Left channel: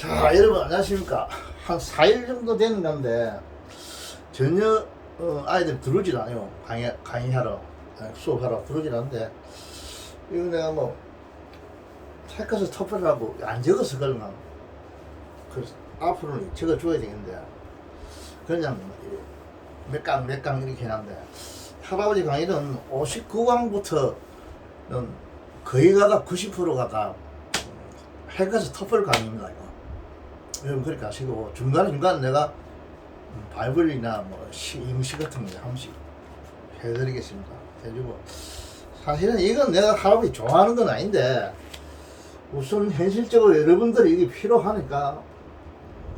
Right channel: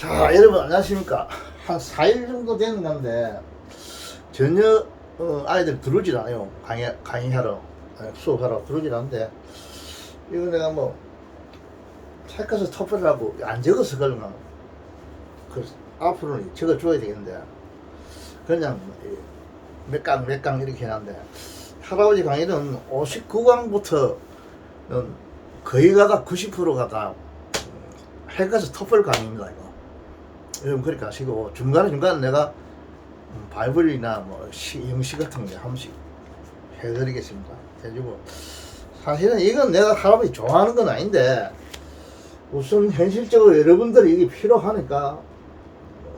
자, 여러분 안녕하십니까. 한 4일 정도 되는 건데 전혀 아이들 들어오질 않아요. 강의하러 수업하러 들어오질 않는데, 이거 내가 뭐 책가서 터프라고 안 적어서 그런가. 그래서 앞으로는 적어줘야 되겠는데 그냥 몇 강 이렇게 해놨는데, 할아버지 강의는 59강부터는 거의 가다 90%가 다 책가서 터플 강의입니다. 이거 여러분 그렇게 하시고, 중간에 내가 바이블이나 뭐 영시 같은 거 한 번씩 해드리겠습니다. 해주고, 사실은 이건 내가 할아버지 좋아하는 건 아닌데 우선 현실적으로 여러분들이 이게 필요하니까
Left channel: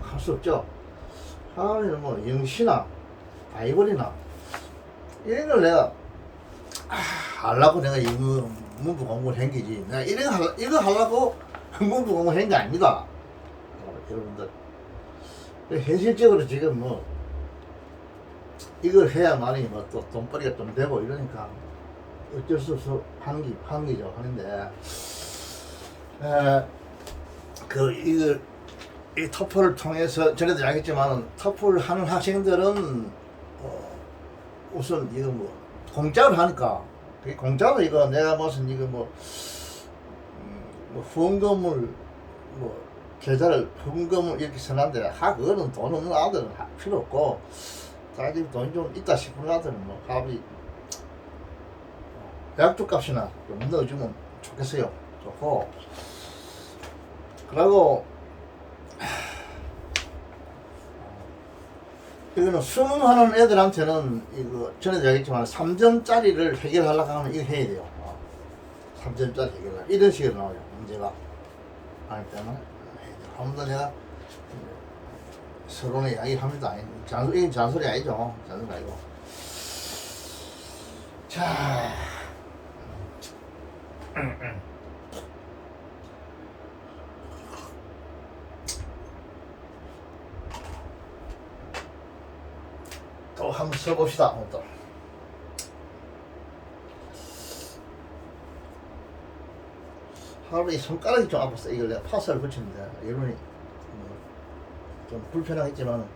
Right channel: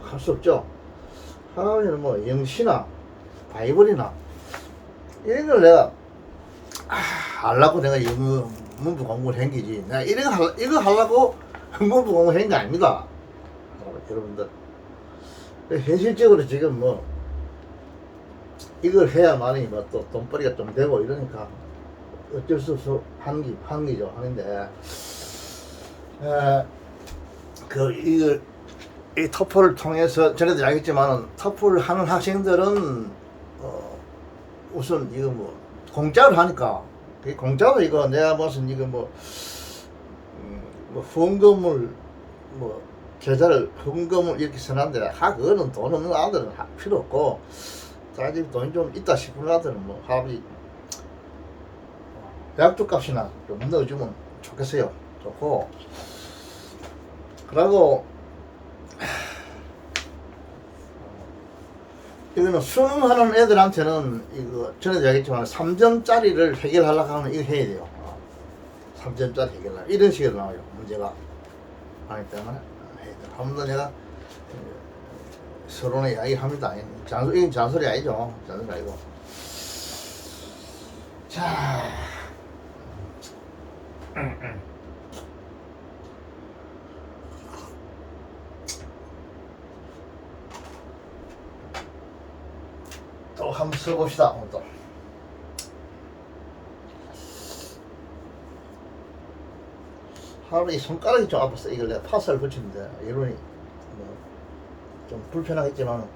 할 수 없죠. 할아버지는 뭐 영시나 바이블이나 이런 걸 내가 하려고 내가 영어 문부 공부를 한 게지, 내가 이거 하려고 문부 공부를 한 게 아닙니다. 여러분들 현실적으로 지금 뭐 이걸 해야만이 뭐 또 돈벌이가 좀 되고 이러니까 어쩔 수 없어 하는 게죠. 하는데 이걸 이 토플을 통해서 전에도 이야기했지만, 토플 하는 학생들은 우선 이거 뭐 공짜로 하니까, 공짜로 이거 내가 무슨 이거 뭐 후원금을 뭐 계좌를 헌금을 이렇게 써놨는데, 그거는 돈 없는 아들은 필요 없고, 자기 돈이 좀 있다 싶은 아들은 뭐 할아버지 약주 값이나 좀 넣어주면 좋겠어요. 좋고, 그리고 이거는 수능하는 애들한테는 이거 전에도 얘기했지만 3점짜리를 해결하려고 하면 이거 해야 돼요. 3점짜리 해결하려 이런 식으로 나와요, 문제가. 하기 때문에 한번 내가 서론에 이야기합니다. 이건 잔소리 아니죠. 잔소리 아니고. 자, 또 한번 써봅시다. 또 하루에 손가락이 좀 아팠어. 이걸 내가 파스를 붙이는데 이론이 좀 불편하겠지만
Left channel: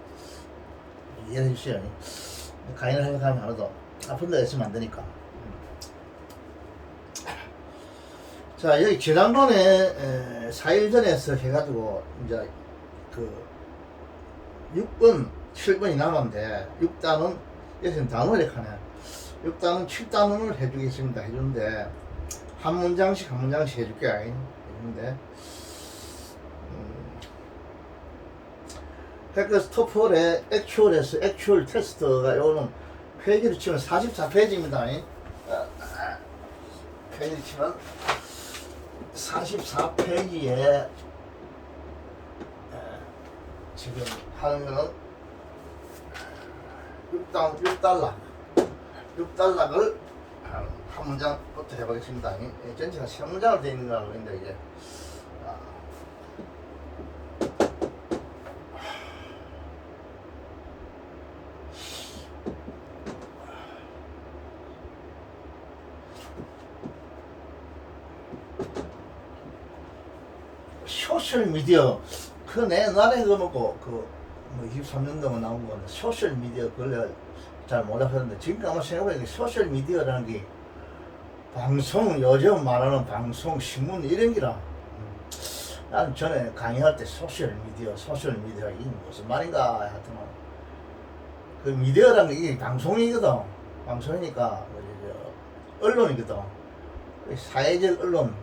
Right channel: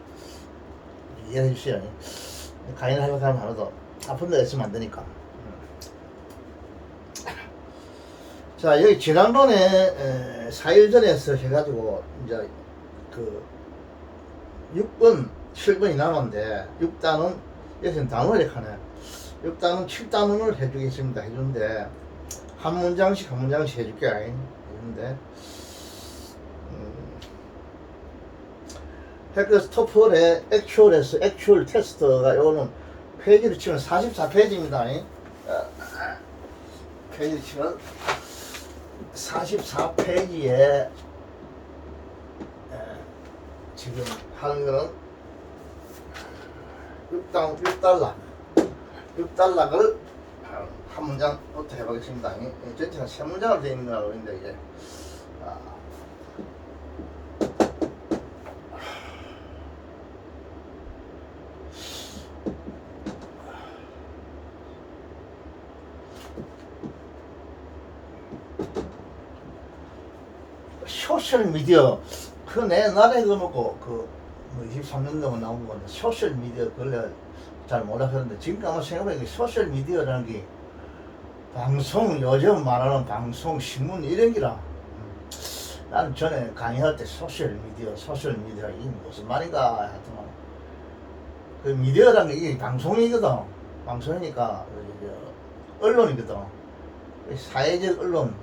이해해 주세요. 강의를 하려고 하면 하나도 아픈 데가 있으면 안 되니까. 자, 여기 지난번에 4일 전에서 해가지고 이제 그 6번 7번이 남았는데, 6단원 여기서는 단원을 이렇게 하네. 6단원 7단원을 해주겠습니다. 해주는데 한 문장씩 해줄게. 해주는데 헬크스 토플의 액츄얼 테스트가 요거는 페이지를 치면 44페이지입니다. 페이지를 치면 44페이지에 지금 하는 거는 6달러를 한 문장부터 해보겠습니다. 전체가 3문장으로 되어 있는 거라고 했는데, 이게 소셜미디어 내 옛날에 그 뭐고 뭐 23년 동안 나온 건데, 소셜미디어 그걸 잘 몰랐었는데, 지금 아마 생각해보니까 소셜미디어라는 게 방송, 요즘 말하는 방송, 신문 이런 기라. 난 전에 강의할 때 소셜미디어 이게 무슨 말인가 하더만, 그 미디어라는 게 이게 방송이거든. 방송이니까 언론이거든. 사회적 언론,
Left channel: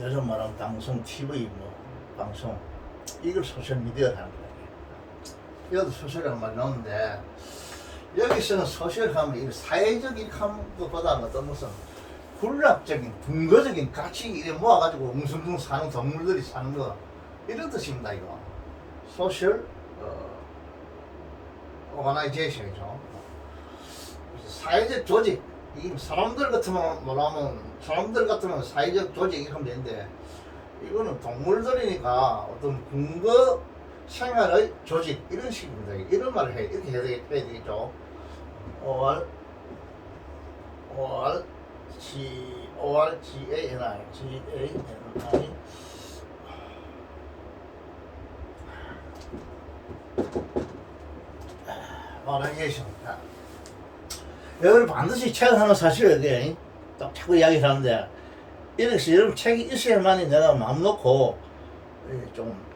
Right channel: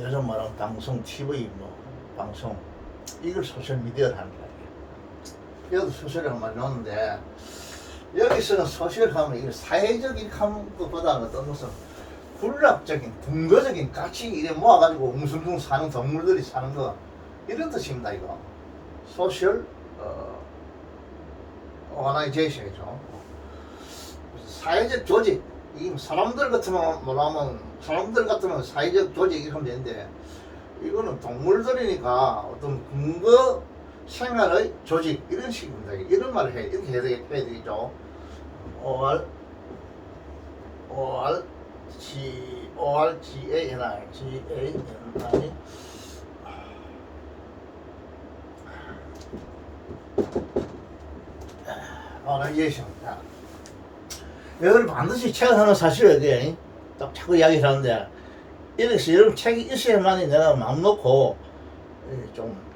요즘 말하는 방송, TV 뭐 방송, 이걸 소셜미디어라는 거야. 이것도 소셜이라는 말이 나오는데, 여기서는 소셜 하면 이 사회적 이렇게 하는 것보다는 어떤 무슨 군락적인 근거적인 가치 이래 모아가지고 웅성웅 사는 동물들이 사는 거, 이런 뜻입니다. 이거 소셜 오가나이제이션이죠. 사회적 조직, 이 사람들 같으면 사회적 조직 이렇게 하면 되는데, 이거는 동물들이니까 어떤 근거 생활의 조직 이런 식입니다. 이런 말을 이렇게 해야 되겠죠. ORGANI 포라이제이션. 여러분 반드시 책을 하나 사셔야 이게 딱 자꾸 이야기를 하는데 이렇게 여러분 책이 있어야만이 내가 마음 놓고 좀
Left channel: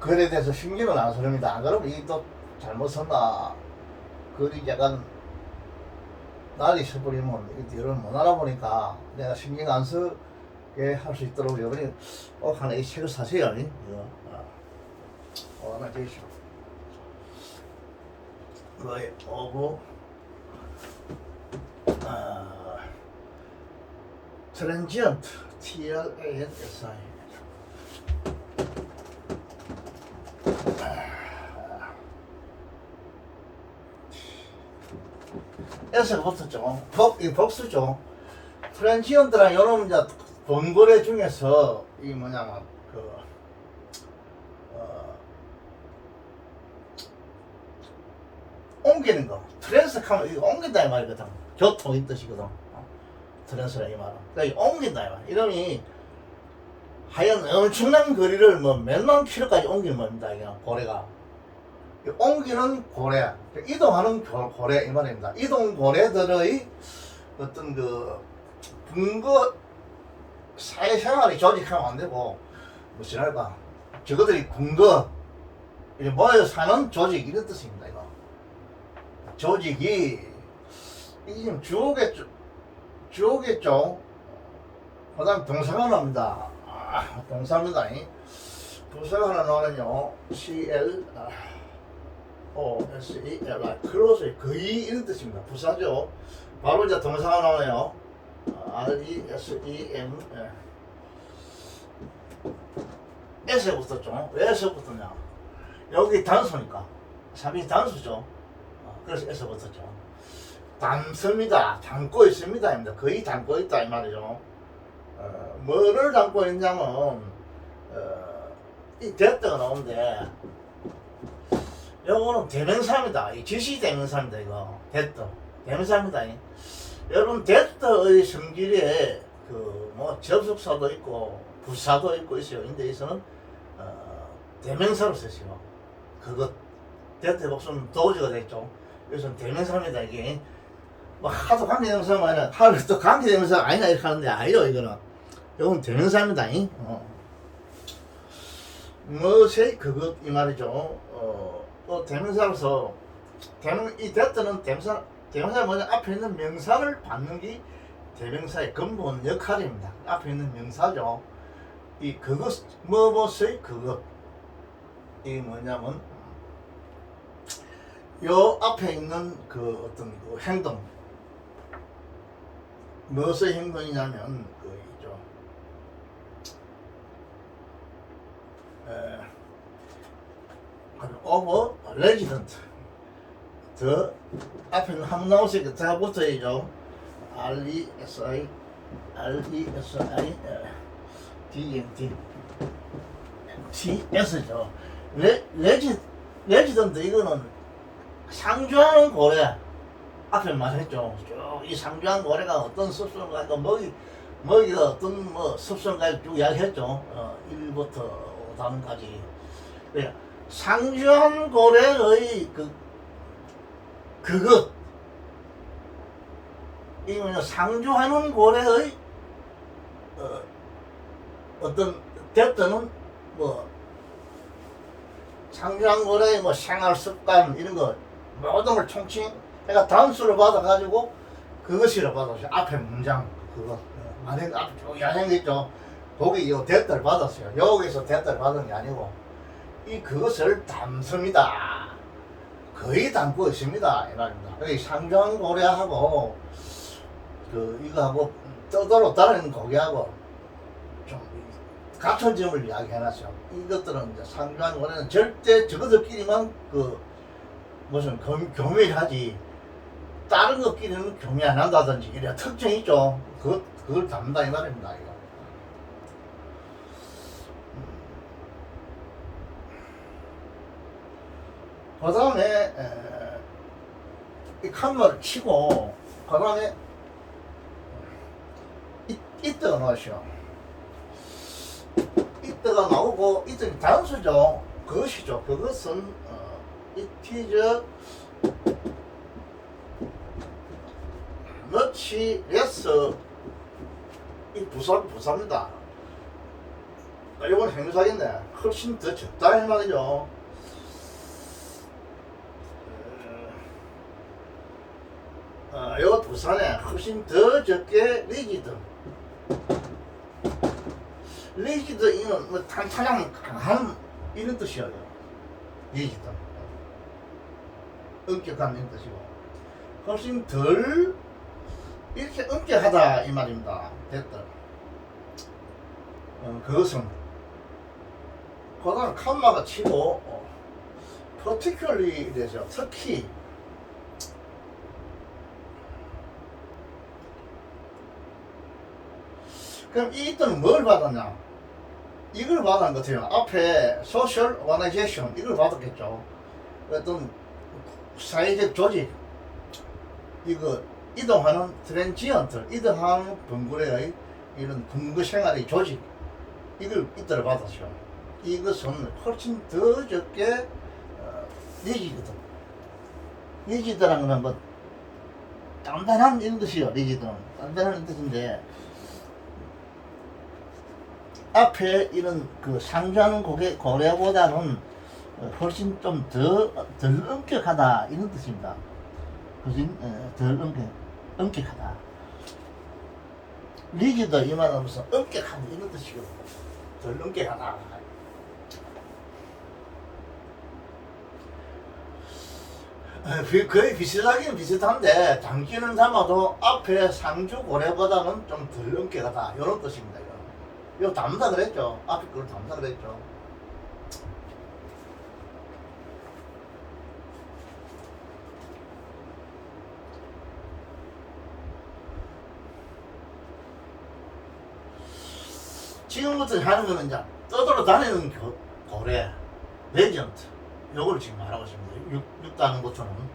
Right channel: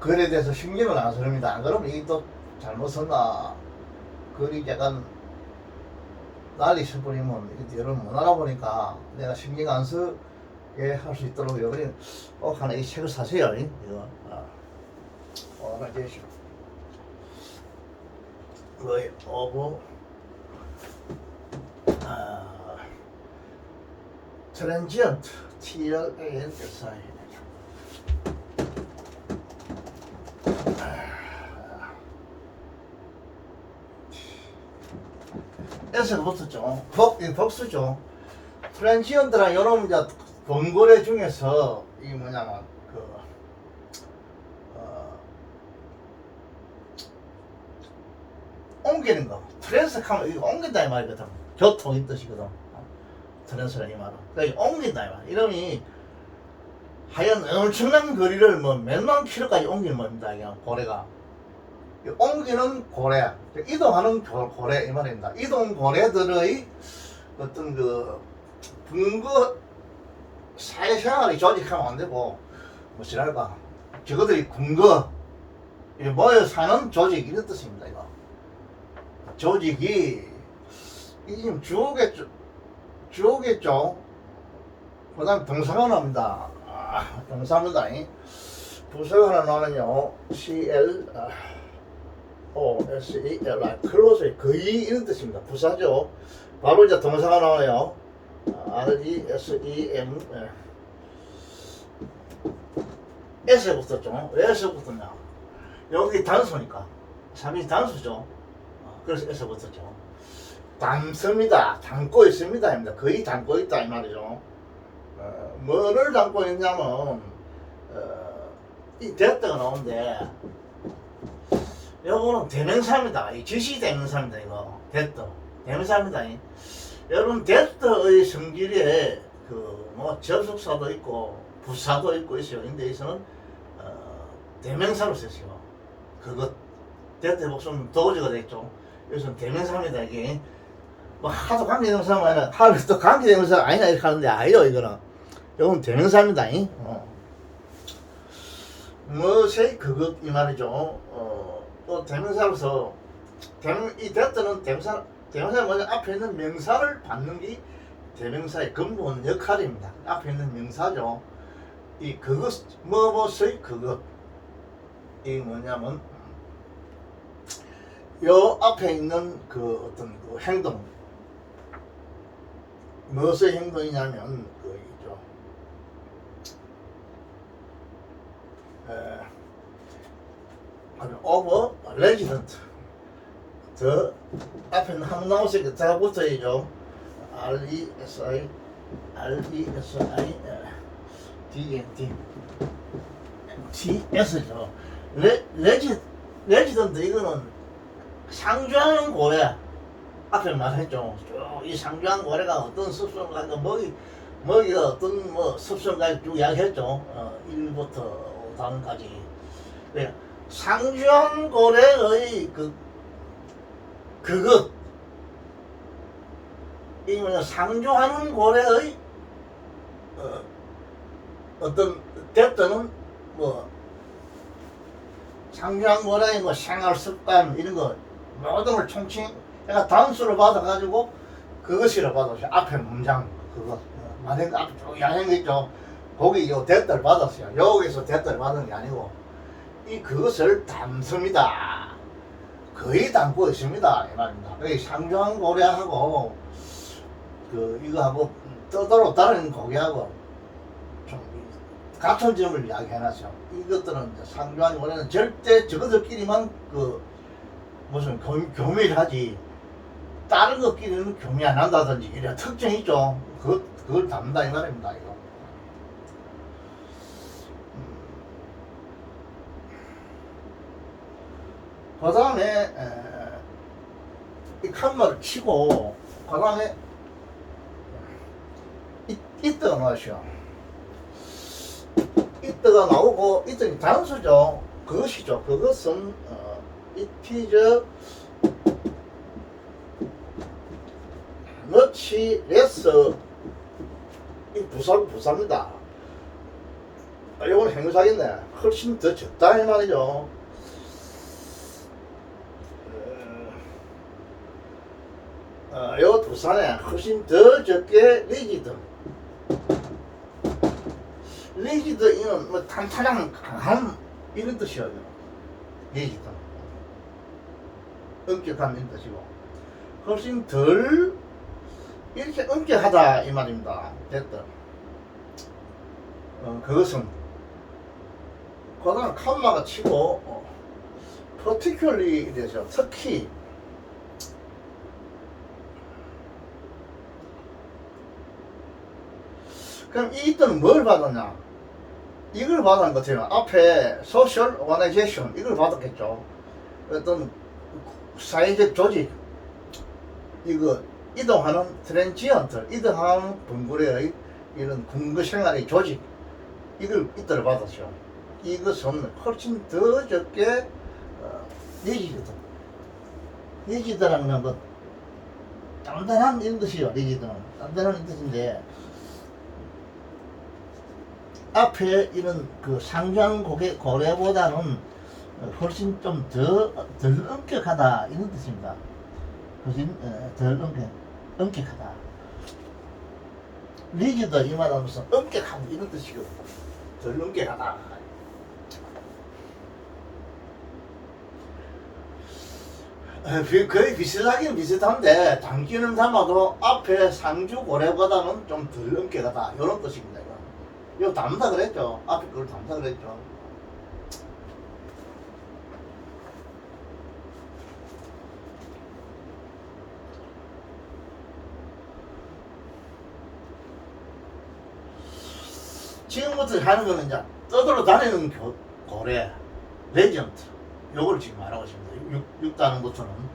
글에 대해서 신경을 안 쓰립니다. 안 그러면 이게 또 잘못 썼나 글이 약간 날이 서버리면 여러분 못 알아보니까 내가 신경 안 쓰게 할 수 있도록 여러분이 꼭 하나 이 책을 사세요. 이거 포라이제이션 거의 오브 트랜지언트 TRANSI 에서 붙었죠. 복수죠. 트랜지언트란 요런 이제 번거래 중에서 이 뭐냐면 옮기는 거. 트랜스하면 이거 옮긴다 이 말이거든. 교통인 뜻이거든. 트랜스라 이 말은. 그러니까 옮긴다 이 말. 이름이 하얀 엄청난 거리를 뭐 몇만 킬로까지 옮기는 겁니다. 이게 고래가. 옮기는 고래, 이동하는 고래 이 말입니다. 이동 고래들의 어떤 그 근거 사회생활이 조직하면 안 되고 뭐지랄까 저거들이 근거 모여 사는 조직 이런 뜻입니다. 이거 조직이 이 지금 주어겠죠. 그다음 동사가 나옵니다. 동사입니다. 부사가 하나 나오면요 CL OSELI 클로즈 거의 이런 뜻입니다. 부사죠. 바로 이제 동사가 나오네요. RESEM S에 붙었죠. 왜 S에 붙었냐? 여기 단수니까 3이 단수죠. 그래서 S에 붙었죠. 담습니다. 담고 있습니다. 거의 담고 있다 이 말이죠. 뭐를 담고 있냐면 이 됐다가 나오는데 요거는 대명사입니다. 이 지시 대명사입니다. 이거 됐다 대명사입니다. 여러분 됐다의 성질에 그 뭐 접속사도 있고 부사도 있어요. 근데 여기서는 대명사로 쓰시오. 그거 됐다 복수는 도저가 됐죠. 여기서는 대명사입니다. 이게 뭐 하도 관계대명사가 아니라 하루 또 관계대명사가 아니라 이렇게 하는데 아니요 이거는. 요건 대명사입니다. 무엇의 그것 이 말이죠. 또 대명사로서 이 됐다는 대명사가 뭐냐 앞에 있는 명사를 받는 게 대명사의 근본 역할입니다. 앞에 있는 명사죠. 이 그것 무엇의 그것 이 뭐냐면 요 앞에 있는 그 어떤 그 행동 무엇의 행동이냐면 그 있죠. over resident 더 앞에는 한번 나오시니까 다 붙어야죠. RESI DNT TS죠. 레지던트 이거는 상주하는 고래 앞에 말했죠. 쭉 이 상주한 고래가 어떤 습성을 가지고 먹이가 어떤 뭐 습성을 가지고 쭉 이야기했죠. 1부터 5단까지. 상주한 고래의 그것 이 뭐냐 상주하는 고래의 어떤 됐다는 뭐 상주한 고래의 뭐 생활 습관 이런 거 모든 걸 총칭 그러니까 단수를 받아 가지고 그것이라 받았어요. 앞에 문장 그거 만약 앞에 쭉 양행 있죠. 거기 요 됐다를 받았어요. 여기서 됐다를 받은 게 아니고 이 그것을 담습니다. 거의 담고 있습니다 이 말입니다. 상주한 고래하고 그 이거하고 떠도로 다른 고기하고 좀 같은 점을 이야기해놨어요. 이것들은 이제 상주한 고래는 절대 저것들끼리만 그 무슨 교미하지 다른 것끼리는 교미 안 한다든지 이런 특징이 있죠. 그걸 담는다 이 말입니다. 이거. 그 다음에 이 칸마를 치고 그 다음에 이때가 나오죠. 이때가 나오고 이때는 단수죠. 그것이죠. 그것은 it is 너치 레스 이 부사입니다. 이건 행사겠네. 훨씬 더 적다 이 말이죠. 요 부산에 훨씬 더 적게 리지드 이는 뭐 탄탄한 강함 이런 뜻이에요. 리지드 엄격한 이런 뜻이고 훨씬 덜 이렇게 엄격하다 이 말입니다. 됐다. 그것은 그다음 칸마가 치고 particularly 되죠. 특히 그럼 이 뜻은 뭘 받았냐? 이걸 받은 것 같아요. 앞에 social organization 이걸 받았겠죠. 어떤 사회적 조직 이거 이동하는 트랜지언트 이동하는 번굴의 이런 군부 생활의 조직 이걸 이들을 받았죠. 이것은 훨씬 더 적게 리지거든. 리지드라는 건 뭐 단단한 이런 뜻이요. 리지드는 단단한 이런 뜻인데 앞에 이런 그 상주하는 고래보다는 훨씬 좀 덜 엄격하다 이런 뜻입니다. 훨씬 덜 엄격하다. 리지드 이 말하면서 엄격하다 이런 뜻이거든. 덜 엄격하다. 거의 비슷하긴 비슷한데 당기는 담아도 앞에 상주 고래보다는 좀 덜 엄격하다 이런 뜻입니다. 이거 담다 그랬죠. 앞에 걸 담다 그랬죠. 지금부터 하는 거는 이제 떠돌아 다니는 고래, 레전트 요걸 지금 말하고 있습니다. 6단부터는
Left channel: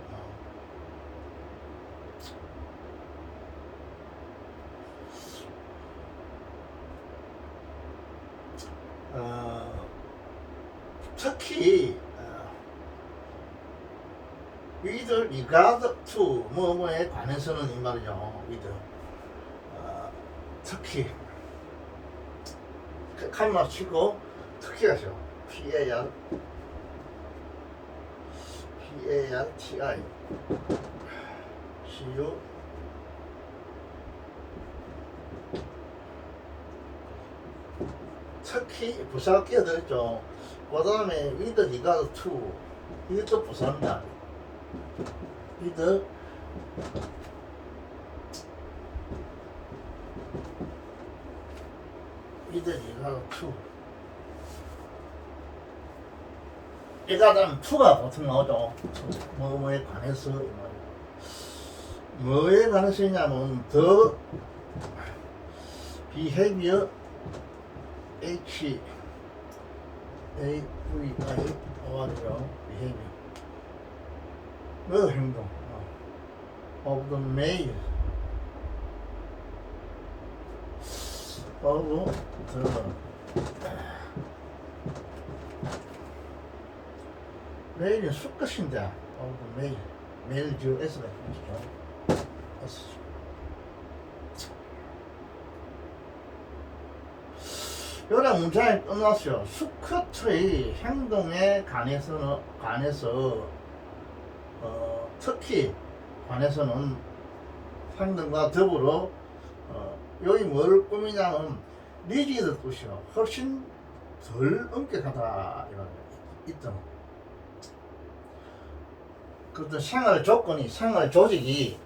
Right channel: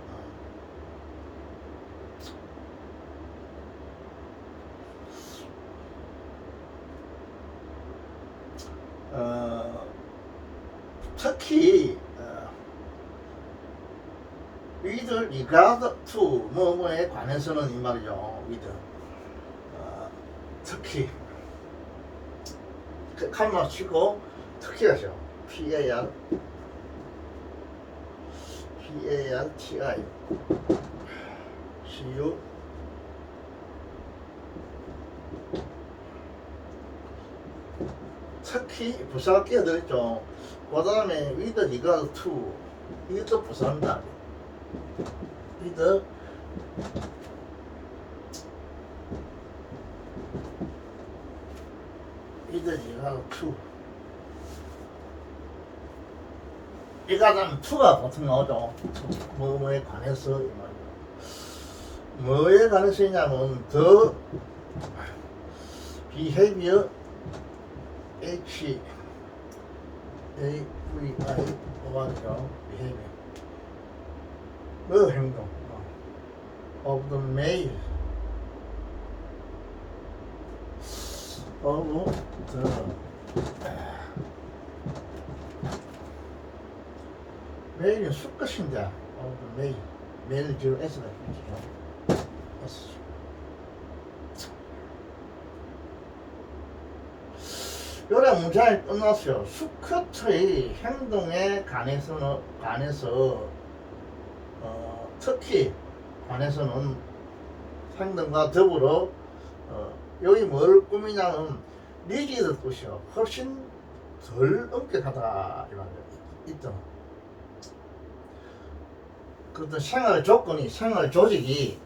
특히 with regard to 뭐뭐에 관해서는 이 말이죠. with 특히 칸마 치고 특히가죠. PAR TI CU 특히 부사 끼어들었죠. 그 다음에 with regard to 이것도 부사입니다. with regard to 이가 다음 to가 보통 나오죠. 뭐뭐에 관해서 뭐에 관해서냐면 the behavior H A V I 뭐죠? behavior 뭐 행동 of the male of the 메일은 수컷인데 메일 지금 S가 있죠. S 요래 문장이 끝났어요. 수컷의 행동에 관해서 특히 관해서는 행동과 더불어 여기 뭘 꾸미냐면 리지드 뜻이요. 훨씬 덜 엄격하다 이런 있죠. 그 생활 조건이 생활 조직이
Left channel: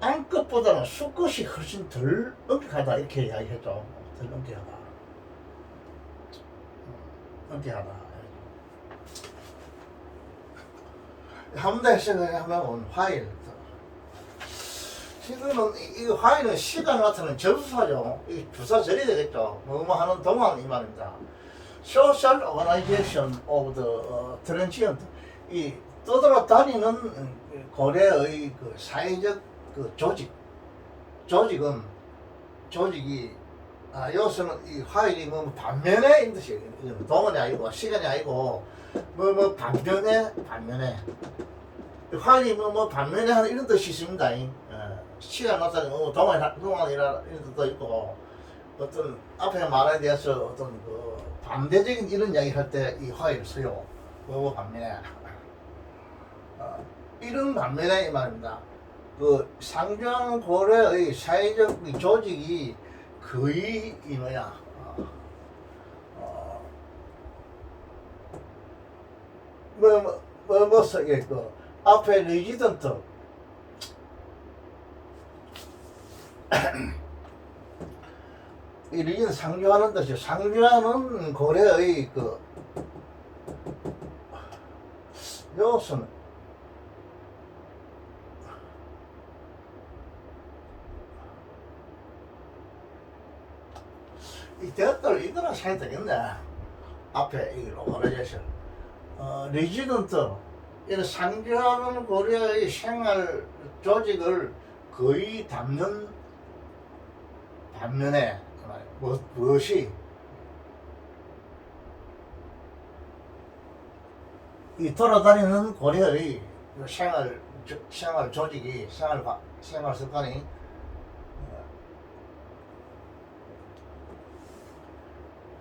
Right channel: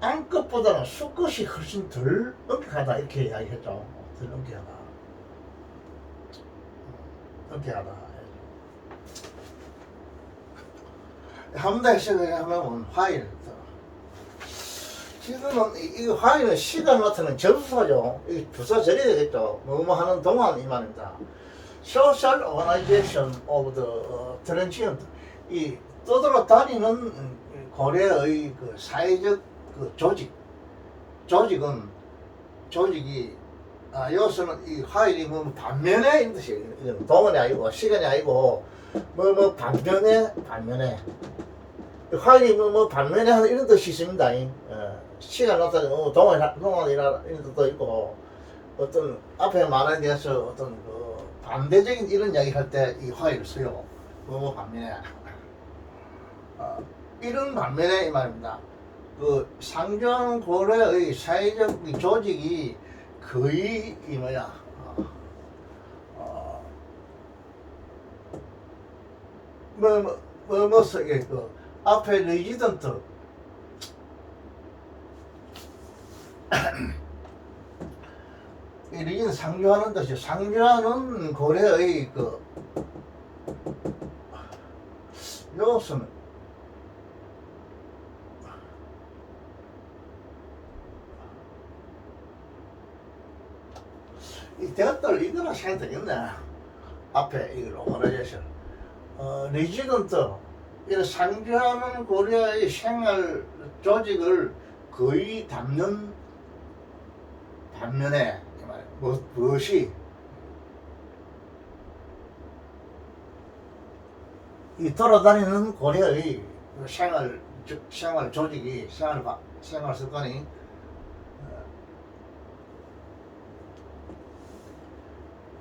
암컷보다는 수컷이 훨씬 덜 엄격하다 이렇게 이야기했죠. 덜 엄격하다. 엄격하다. 한 번 더 생각하면 화일. 지금은 이거 화일은 시간 같은 접수사죠. 이 부사 절이 되겠죠. 뭐뭐 하는 동안 이 말입니다. Social Organization of the Transient 이 떠돌아 다니는 고래의 그 사회적 그 조직이 여기서는 이 화일이 뭐 반면에 있는 뜻이에요. 동안이 아니고 시간이 아니고 뭐 반면에 화일이 뭐 반면에 하는 이런 뜻이 있습니다. 시간 나타내는 동안이라 이런 뜻도 있고, 어떤 앞에 말에 대해서 어떤 그 반대적인 이런 이야기 할 때 이 화일을 써요. 뭐 반면에. 이런 반면에 이 말입니다. 그 상주한 고려의 사회적 조직이 거의 이 뭐야, 그 앞에 레지던트 이 리진 상주하는 뜻이요. 상주하는 고려의 그 요것은 이 대학들 이거나 생각 되겠네. 앞에 이걸 오버라이제이션 레지던트 이런 상주하는 고려의 생활 조직을 거의 담는 반면에 무엇이 이 돌아다니는 고려의 생활 조직이 생활 습관이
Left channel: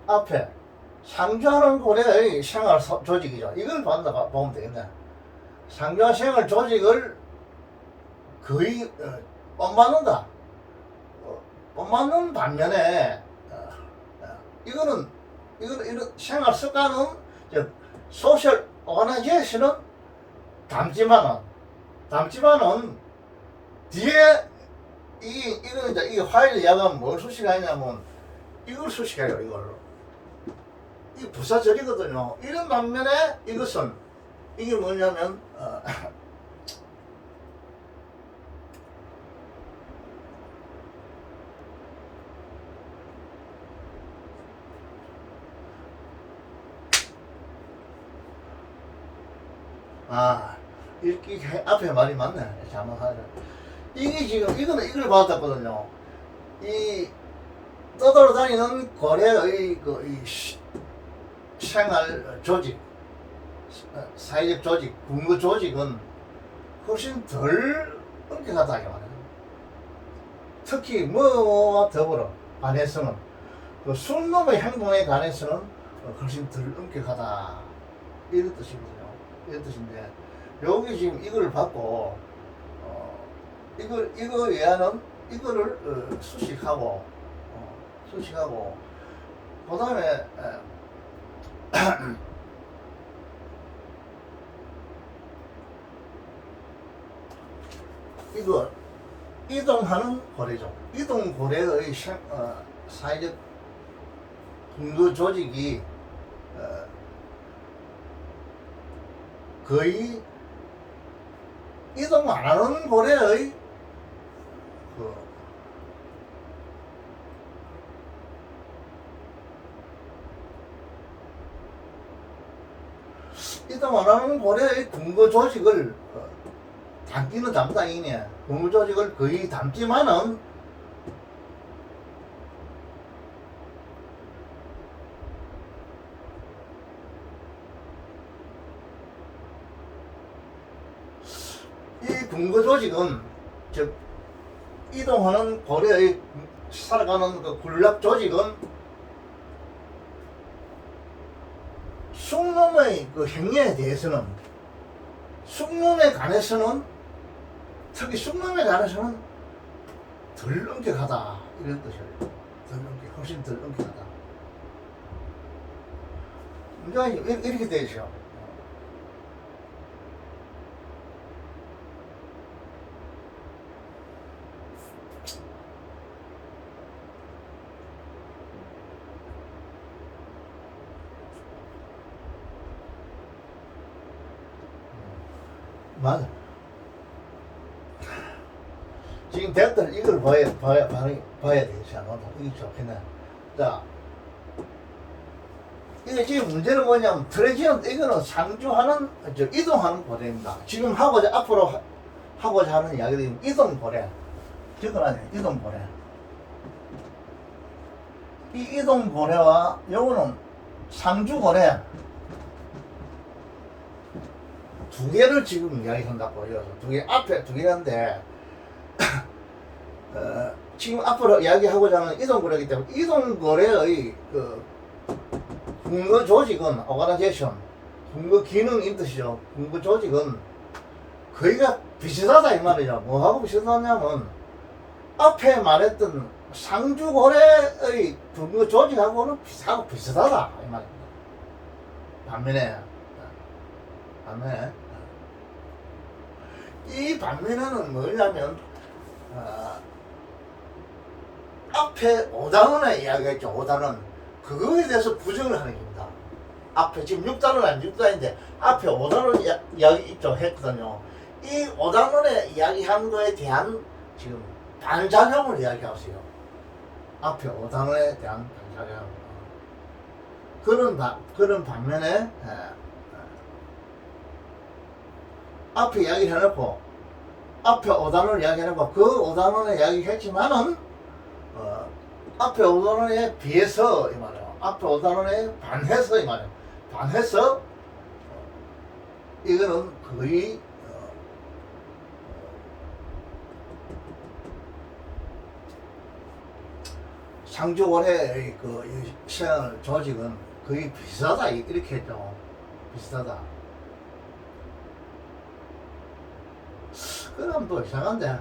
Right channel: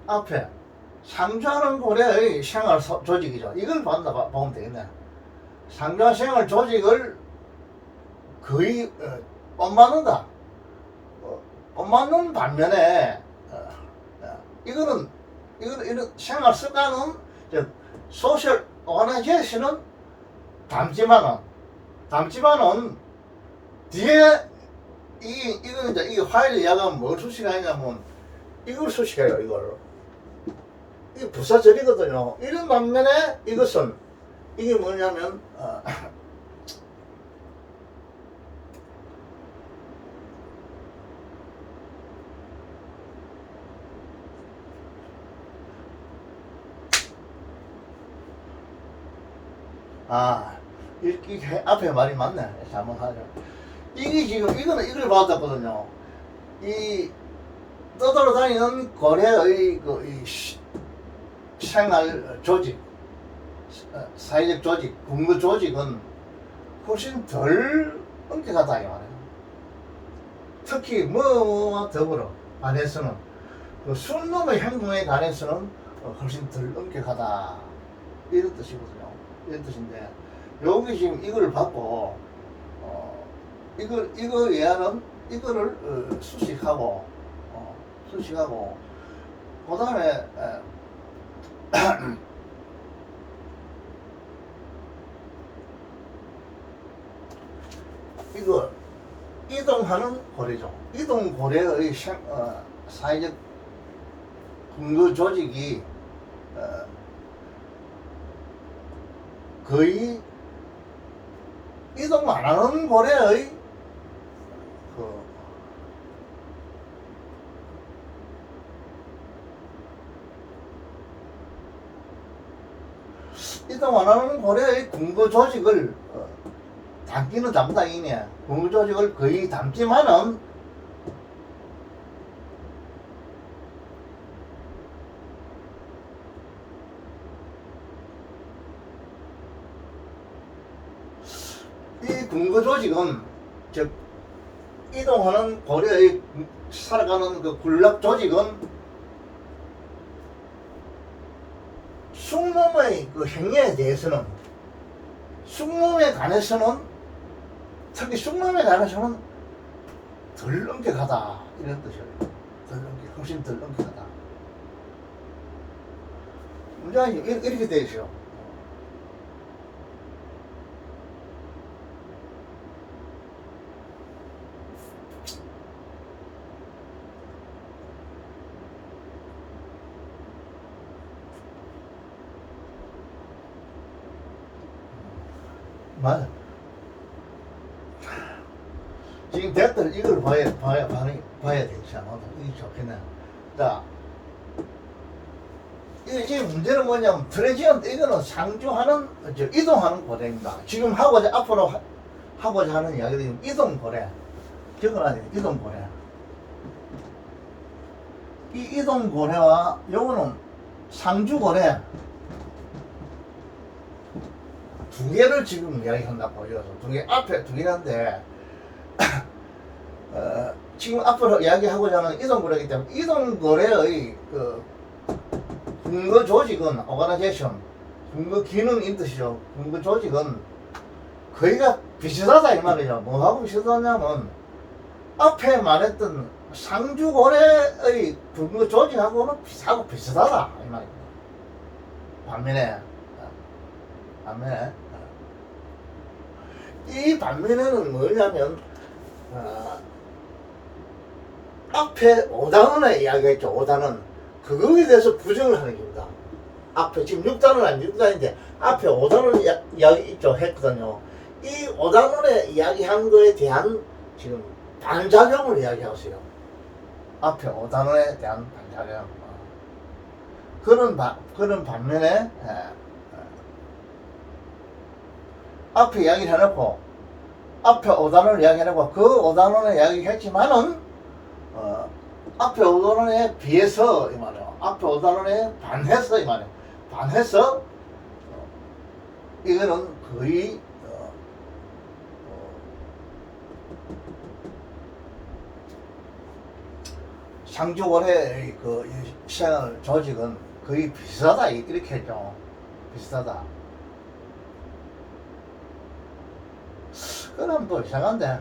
앞에 상주하는 고려의 생활 조직이죠. 이걸 보면 되겠네. 상주하 생활 조직을 거의 엇맞는다. 엇맞는 반면에 이거는 이런 생활 습관은 소셜 오거나이제이션은 담지만은 뒤에 이거 이제 이 화일 이야기가 뭘 수식하냐면 이걸 수식해요. 이게 부사절이거든요. 이런 반면에 이것은 이게 뭐냐면 이렇게 앞에 말이 맞네. 잘못하네. 이게 지금 이걸 받았거든요. 이 떠돌아다니는 고려의 이 생활 조직, 사회적 조직, 군거 조직은 훨씬 덜 엄격하다 이 말이에요. 특히 뭐와 더불어 관해서는 그 순놈의 행동에 관해서는 훨씬 덜 엄격하다 이런 뜻이거든요. 이런 뜻인데 여기 지금 이걸 받고 이거 외에는 이거를 수식하고 그 다음에 이거 이동하는 고래죠. 이동 고래의 사회적 군거 조직이 거의 이동 안 하는 고래의 이동 안 하는 고려의 군거 조직을 담기는 담당이네. 군거 조직을 거의 담지만은 이 군거 조직은 즉 이동하는 고려의 살아가는 그 군락 조직은 숙놈의 그 행위에 대해서는 숙놈에 관해서는 특히 숙놈에 관해서는 덜 엄격하다 이런 뜻이에요. 훨씬 덜 엄격하다. 문장이 이렇게 되어 있어요. 맞아. 지금 대학들 이걸 봐야 되지 않아? 이게 좋겠네. 자, 이게 지금 문제는 뭐냐면 트레지언트 이거는 상주하는 이동하는 고래입니다. 지금 앞으로 하고자 하는 이야기들이 이동 고래. 기억나요? 이동 고래. 이 이동 고래와 요거는 상주 고래. 두 개를 지금 이야기한다고 여기서 두 개 앞에 두 개인데 지금 앞으로 이야기하고자 하는 이동거래이기 때문에 이동거래의 그 근거 조직은 오가나이제이션 근거 기능인 뜻이죠. 근거 조직은 거의가 비슷하다 이 말이죠. 뭐하고 비슷하냐면 앞에 말했던 상주거래의 근거 조직하고는 비슷하다 이 말입니다. 반면에 이 반면에는 뭐냐면 앞에 5단원에 이야기했죠. 5단원 그거에 대해서 부정을 하는 겁니다. 앞에 지금 6단원 아니 6단인데 앞에 5단원 이야기 있죠 했거든요. 이 5단원에 이야기한 거에 대한 지금 반작용을 이야기하세요. 앞에 5단원에 대한 반작용. 그런 반면에 앞에 이야기를 해놓고 앞에 5단원을 이야기해놓고 그 5단원을 이야기했지만은 앞에 5단원에 비해서 이 말이야. 앞에 5단원에 반해서 이 말이야. 반해서 이거는 거의 상주거래의 그 시장 조직은 거의 비슷하다 이렇게 했죠. 비슷하다. 그럼 또 이상한데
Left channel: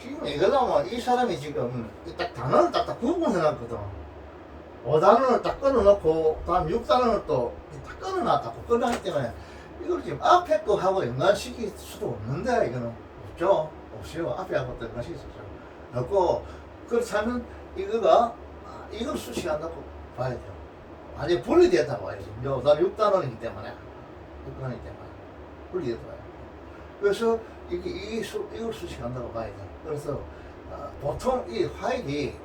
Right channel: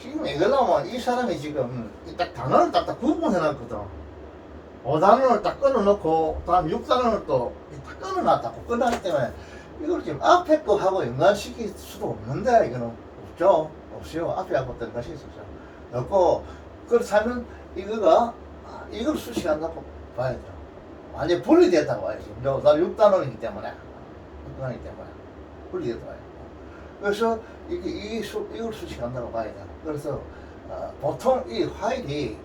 지금 이거는 이 사람이 지금 딱 단어를 딱 구분해놨거든. 5단원을 딱 끊어놓고 다음 6단원을 또 딱 끊어놨다고 끊어놨기 때문에 이걸 지금 앞에 거하고 연관시킬 수도 없는데 이거는 없죠. 없어요. 앞에 하고 또 연관시킬 수 없죠. 없고 그렇다면 이거가 이걸 수식한다고 봐야 돼요. 완전히 분리됐다고 봐야죠. 6단원이기 때문에 6단원이기 때문에 분리됐다고 봐요. 그래서 이걸 수식한다고 봐야 돼. 그래서 보통 이 화일이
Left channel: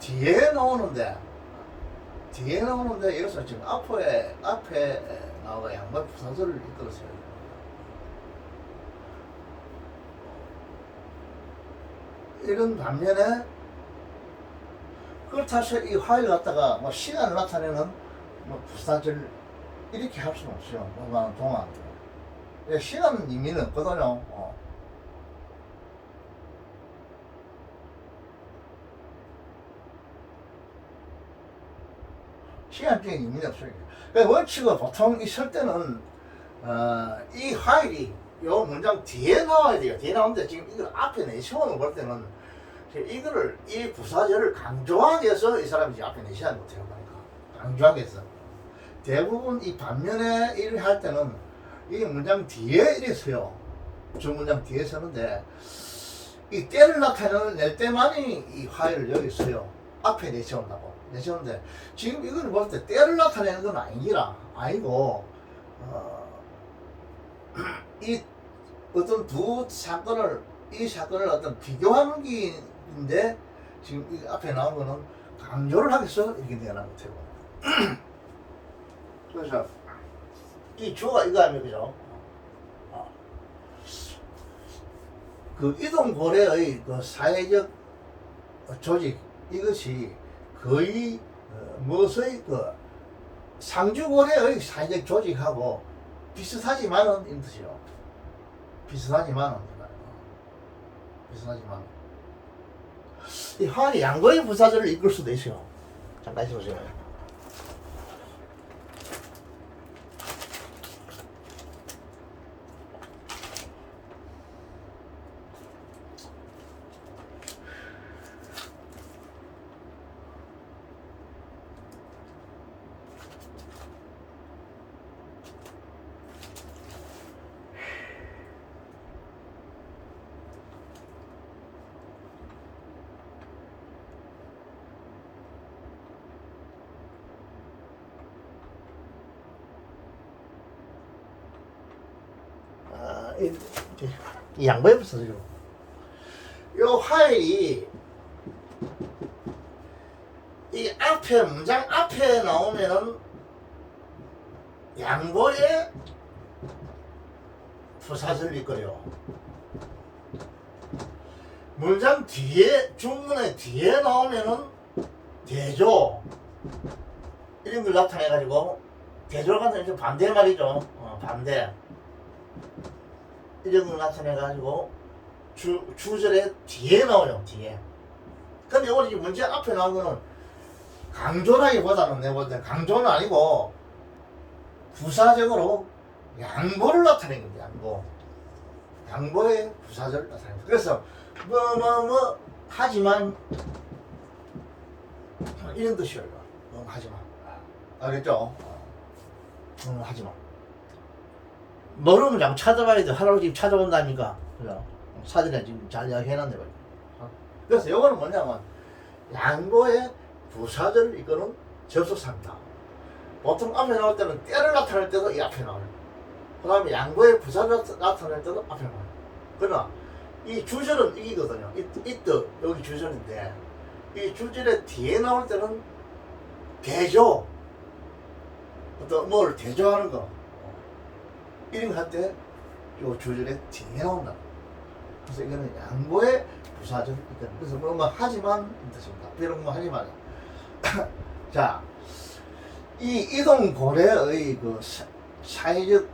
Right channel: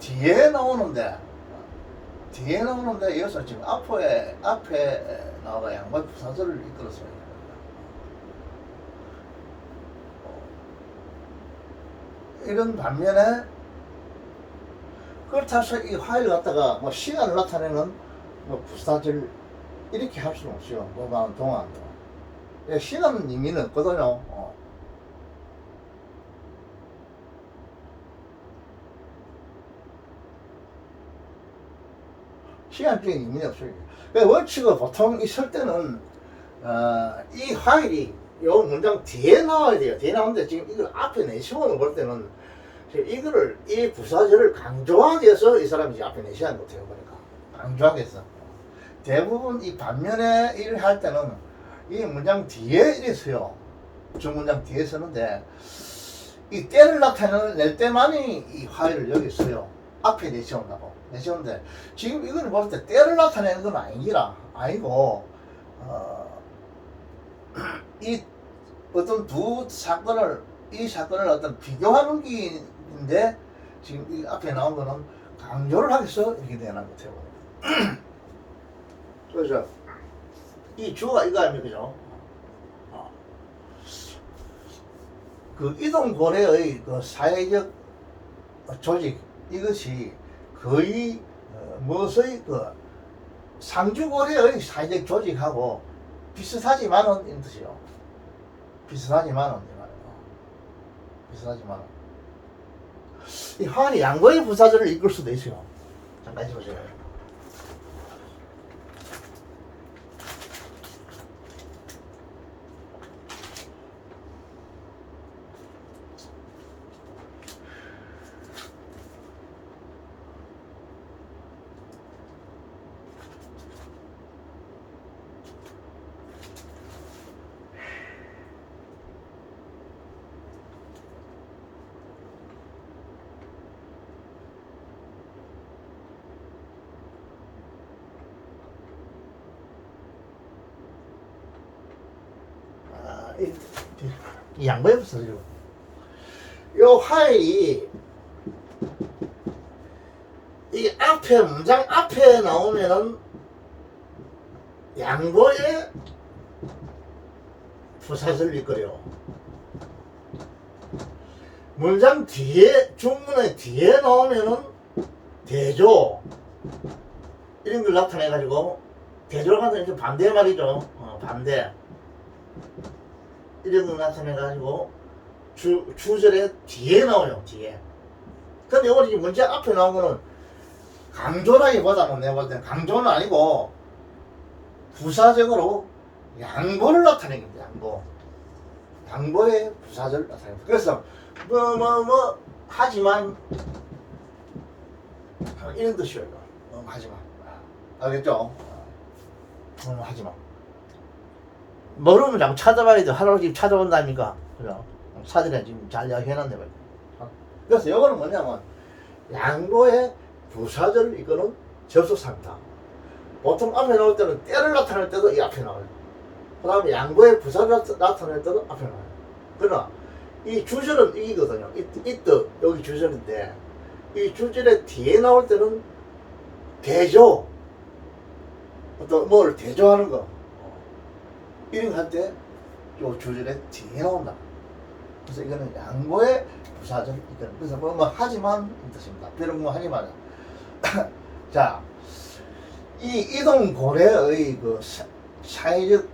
뒤에 나오는데 여기서 지금 앞에 나와 양반 부사절을 이끌었어요. 이런 반면에 그렇다고 해서 이 화일 갖다가 뭐 시간을 나타내는 뭐 부사절 이렇게 할 수는 없어요. 동안 시간은 의미는 없거든요. 시간적인 의미는 없어요. 그러니까 원칙은 보통 있을 때는 이 화일이 요 문장 뒤에 나와야 돼요. 뒤에 나오는데 지금 이걸 앞에 내시원을 볼 때는 이거를 이 부사절을 강조하기 위해서 이 사람이 이제 앞에 내시하는 것 같아요. 그러니까 강조하기 위해서 대부분 이 반면에 일을 할 때는 이 문장 뒤에 이랬어요. 주문장 뒤에 서는데 이 때를 나타낼 때만이 이 화일을 여기 써요. 앞에 내세운다고 내세우는데 지금 이거는 볼 때 때를 나타내는 건 아니고 이 어떤 두 사건을 이 사건을 어떤 비교하는 게인데 지금 이 앞에 나온 거는 강조를 하기 위해서 이렇게 되는 것 같아요. 그래서 이 주어가 이거 아닙니까? 그죠? 그 이동고래의 그 사회적 조직 이것이 거의 무엇의 그 상주고래의 사회적 조직하고 비슷하지만은 이 뜻이요. 비슷하지만은 이 화환이 양거의 부사절을 이끌 수도 있어요. 잠깐 보세요. 이 양보해 보세요. 요 화일이 이 앞에 문장 앞에 나오면은 양보에 부사절이 거려. 문장 뒤에 중문의 뒤에 나오면은 대조 이런 걸 나타내 가지고 대조가는 이제 반대 말이죠. 반대. 이런 거 나타내가지고 주절의 뒤에 나오죠. 뒤에. 근데 여기 문제 앞에 나온 거는 강조라기보다는 내가 볼 때는 강조는 아니고 부사적으로 양보를 나타내는 겁니다. 양보의 부사절 나타냅니다. 그래서 뭐 하지만 이런 뜻이에요. 하지만 알겠죠? 하지만 모르면 자꾸 찾아봐야 돼. 할아버지 찾아온다니까. 그죠? 사전에 지금 잘 이야기해놨네. 그래서 이거는 뭐냐면 양보의 부사절을 이거는 접속사입니다. 보통 앞에 나올 때는 때를 나타낼 때도 이 앞에 나와요. 그 다음에 양보의 부사를 나타낼 때도 앞에 나와요. 그러나 이 주절은 이거든요. 이때 여기 주절인데 이 주절의 뒤에 나올 때는 대조, 어떤 뭘 대조하는 거 이런 거 할 때 요 주절의 뒤에 나온다. 그래서 이거는 양보의 부사절. 그래서 뭐 하지만 이 뜻입니다. 이런 거 하지만 자, 이 이동 고래의 그 사회적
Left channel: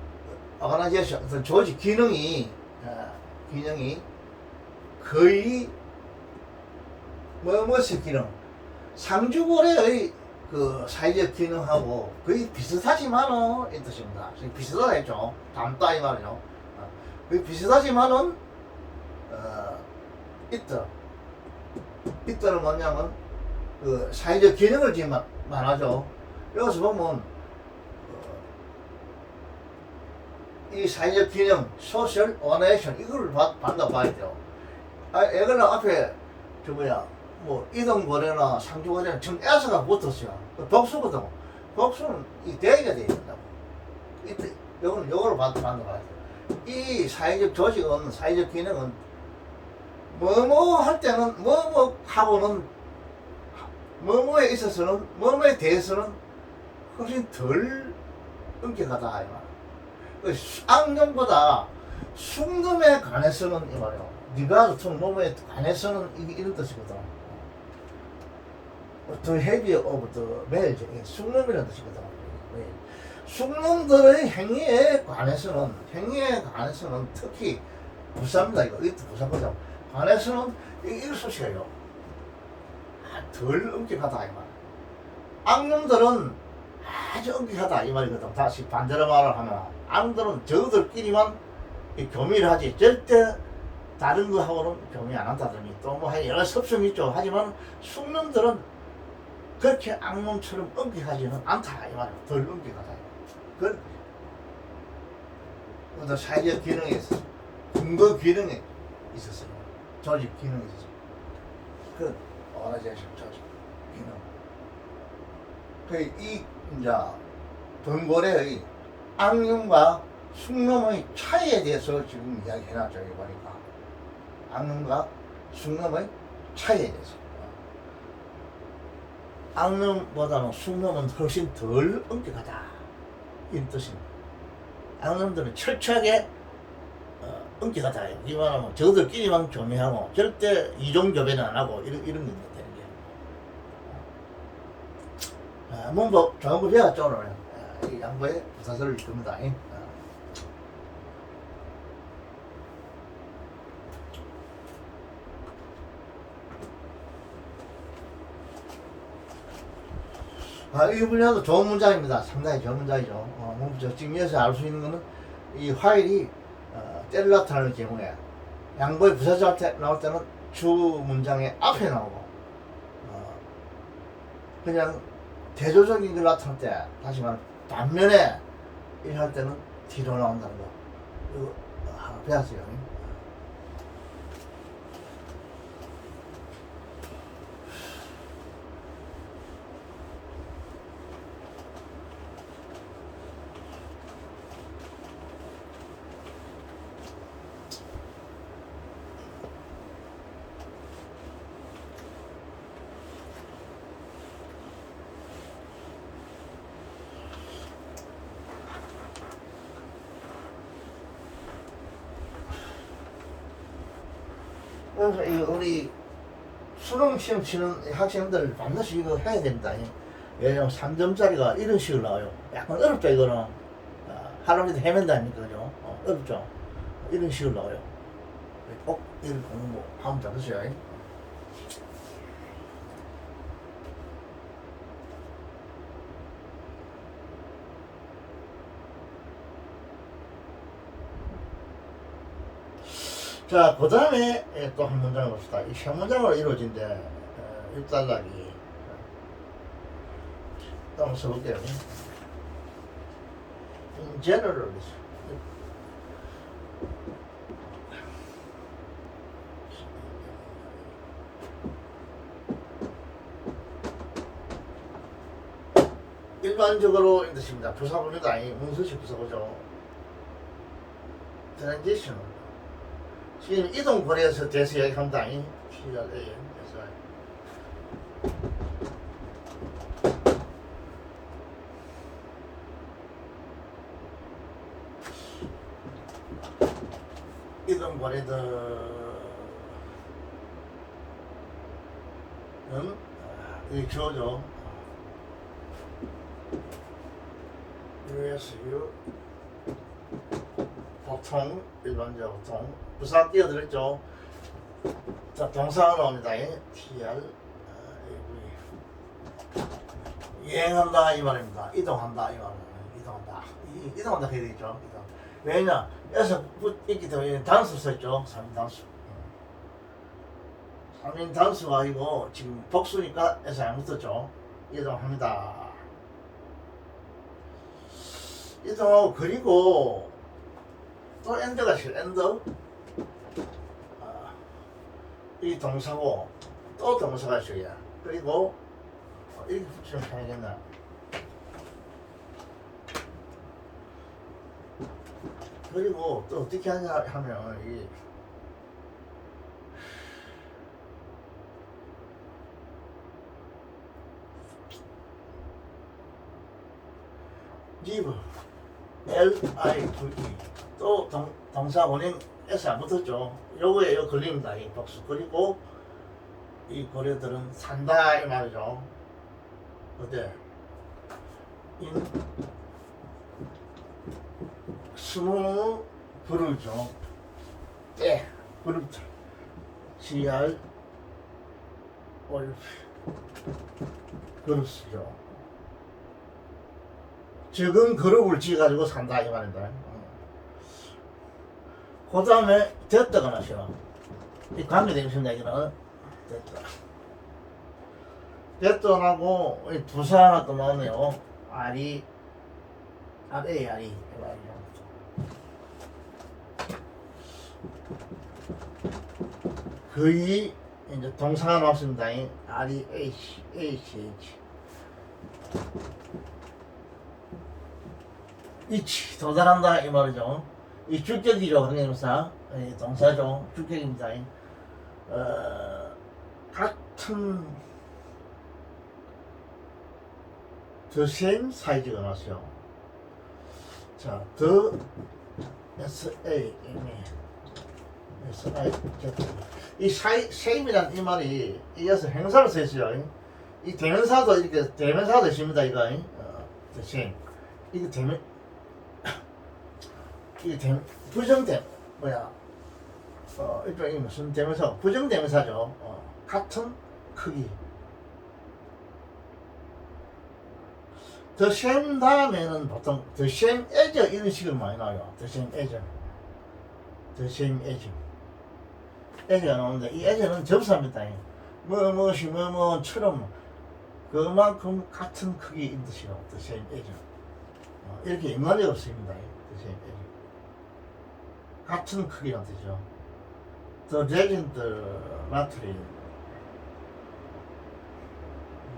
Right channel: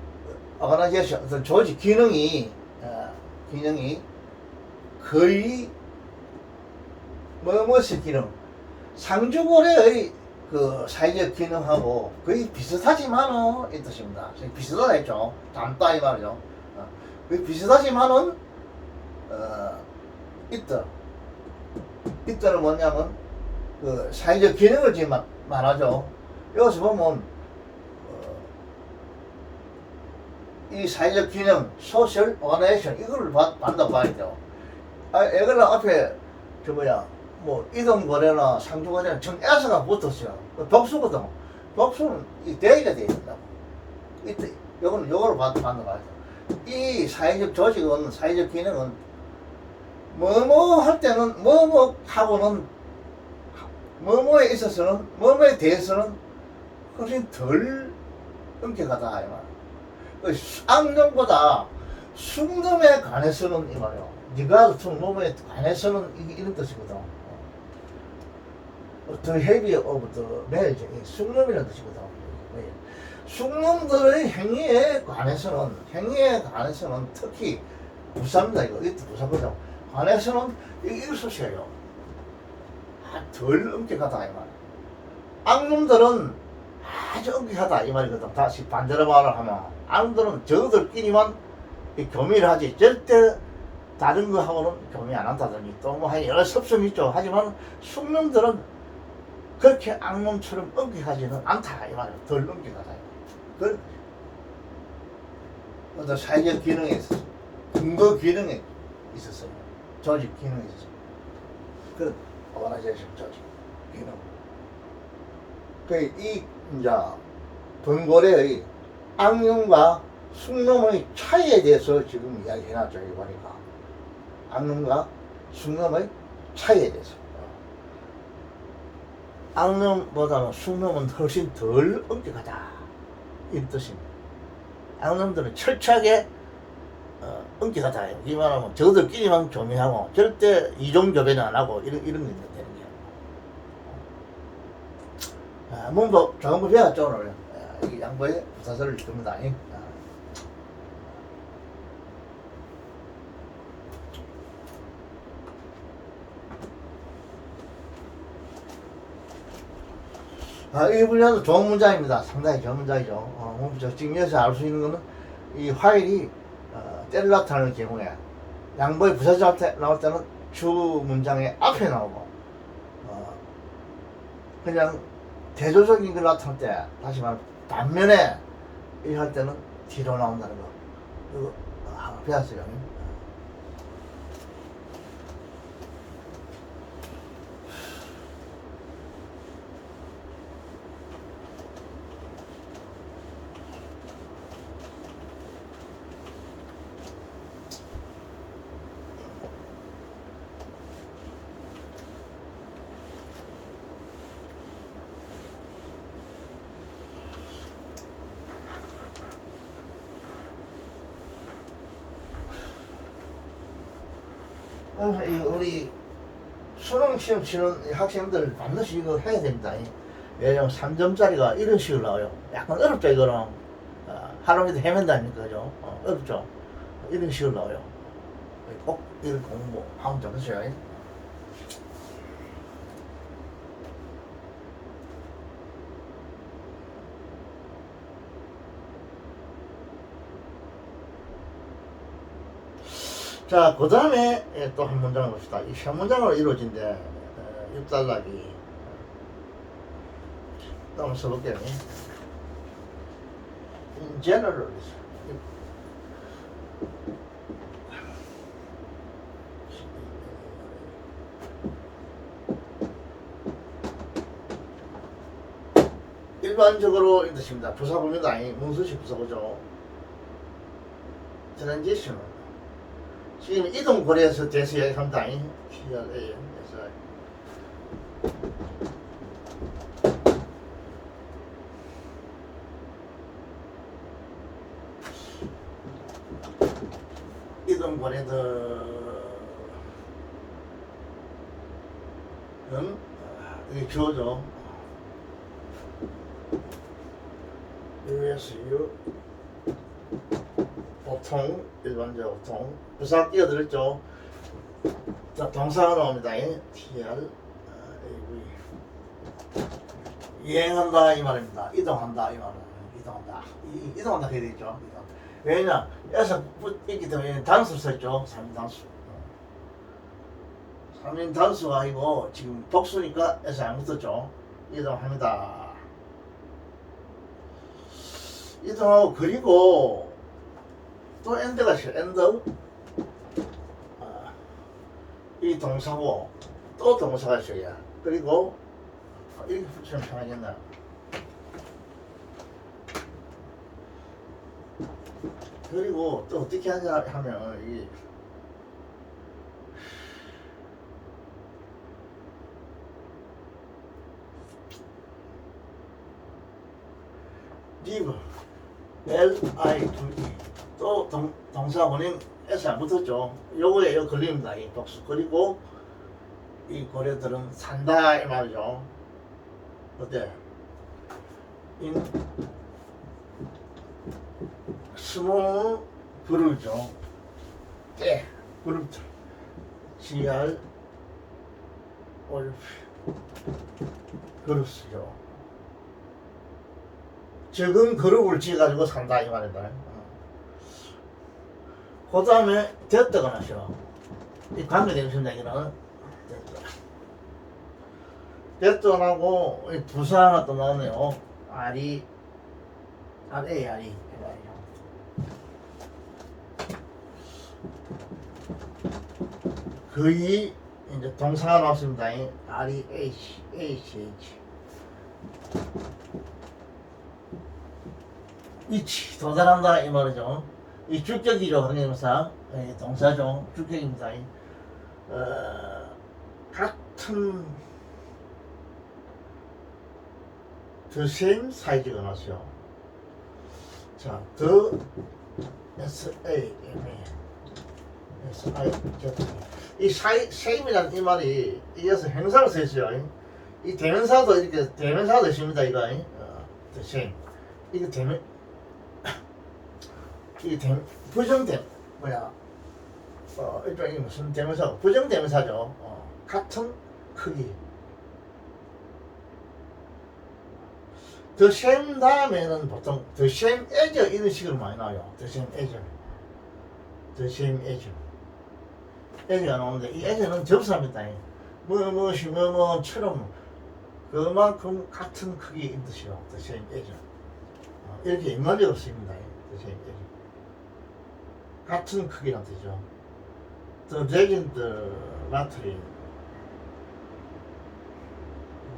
오가나이제이션 어떤 조직 기능이 거의 무엇의 기능? 상주고래의 그 사회적 기능하고 거의 비슷하지만은 이 뜻입니다. 비슷하다 했죠. 닮다 이 말이죠. 거의 비슷하지만은 이때는 뭐냐면 그 사회적 기능을 지금 말하죠. 여기서 보면 이 사회적 기능, 소셜 오가나이제이션 이걸 받는다고 봐야 돼요. 애들 앞에 뭐 이동거래나 상주거래는 전 S가 붙었어요. 복수거든. 복수는 이 대기가 돼야 된다고. 이때 요거를 받는 거야. 이 사회적 조직은, 사회적 기능은 뭐뭐 할 때는 뭐뭐 하고는 뭐뭐에 있어서는 뭐뭐에 대해서는 훨씬 덜 엄격하다 이 말. 악령보다 숙놈에 관해서는 이 말이야. 네가 숙놈에 관해서는 이런 뜻이거든. The heavy of the male, 숙놈이라는 뜻이거든. 숙놈들의 행위에 관해서는 특히 부사입니다. 이것도 부사거든. 관해서는 이걸 쓰셔요. 덜 엄격하다 이 말. 악놈들은 아주 엄격하다 이 말이거든. 다시 반대로 말을 하면 악놈들은 저들끼리만 교미를 하지 절대 다른 거하고는 교미 안 한다든지 또 뭐 여러 섭선이 있죠. 하지만 숙놈들은 그렇게 악놈처럼 엄격하지는 않다 이 말이에요. 덜 엄격하다. 그 어떤 사회적 기능에 있었어요. 근거 기능에 있었어요. 조직 기능에 있었어요. 그 오가나이제이션 조직 기능. 그 이 이제 번고래의 악령과 숙놈의 차이에 대해서 지금 이야기해놨죠. 여기 보니까 악령과 숙놈의 차이에 대해서. 악령보다는 숙놈은 훨씬 덜 엄격하다 이 뜻입니다. 악령들은 철저하게 엄격하다. 이 말하면 저들끼리만 교미하고 절대 이종교배는 안 하고 이런 게 되는 거예요. 문법 정부 배웠죠 오늘. 이 양보의 부사설을 읽습니다. 이 분야도 좋은 문장입니다. 상당히 좋은 문장이죠. 지금 여기서 알 수 있는 거는 이 화일이 때를 나타내는 경우에 양보의 부사절 나올 때는 주 문장의 앞에 나오고 그냥 대조적인 걸 나타낼 때 다시 말하면 반면에 할 때는 뒤로 나온다는 거. 이거 하나 배웠어요. 우리 수능 시험 치는 학생들 반드시 이거 해야 됩니다. 왜냐면 3점짜리가 이런 식으로 나와요. 약간 어렵죠, 이거는. 하루 종일 헤맨다 아닙니까, 그죠? 어렵죠? 이런 식으로 나와요. 꼭 이런 공부 하면 좋겠어요. 자, 그 다음에 또 한 문장을 봅시다. 이 세 문장으로 이루어진데, 6단락이. 또 한번 써볼게요. general. 일반적으로 이 뜻입니다. 부사구입니다. 문수식 부사구죠. transition. 지금 이동 거래에서 대해서 이야기한다. TRA. 이동 거래들은 이게 주어죠. USU 보통 일반적 보통 부사 띄어들었죠. 자, 동사가 나옵니다. TR 여행한다 이 말입니다. 이동한다 이 말은 이동한다. 이동한다 해야 되겠죠. 왜냐 여기서 있기 때문에 단수 썼죠. 3인 단수. 3인 단수가 아니고 지금 복수니까 에서 안 붙었죠. 이동합니다. 이동하고 그리고 또 엔드가 있어요. 엔드. 이 동사고 또 동사가 있어요. 그리고 이렇게 붙이면 편하겠나. 그리고 또 어떻게 하냐 하면 이 live L-I-V-E 또 동사 원인 S 안 붙었죠. 요거에 이거 걸립니다. 이 복수. 그리고 이 고래들은 산다 이 말이죠. 어때? 인 스무 그루죠. 때 그룹들 GR 올프 그룹스죠. 적은 그룹을 지어가지고 산다 이 말입니다. 그 다음에 됐다가 나셔. 이 관계되겠습니다. 이거는 됐다. 됐다하고 부사 하나 또 나오네요. RE 거의 이제 동사가 나왔습니다. REH 이치 도달한다 이 말이죠. 이 주격이죠. 관계동사 동사죠. 주격입니다. 같은 the same 사이즈가 나왔어요. 자, the 이 same이라는 이 말이 이어서 행사를 쓰였어요. 이 대명사도 이렇게 대명사도 있습니다. 이거 the same 이거 대명 이게 부정대 일종의 무슨 대명사 부정대명사죠. 같은 크기. the same 다음에는 보통 the same as 이런 식으로 많이 나와요. the same as as가 나오는데 이 as는 접사입니다. 뭐뭐처럼 그만큼 같은 크기인 뜻이요. the same as 이렇게 인간적으로 쓰입니다. the same as 같은 크기란 뜻이죠. The legend material.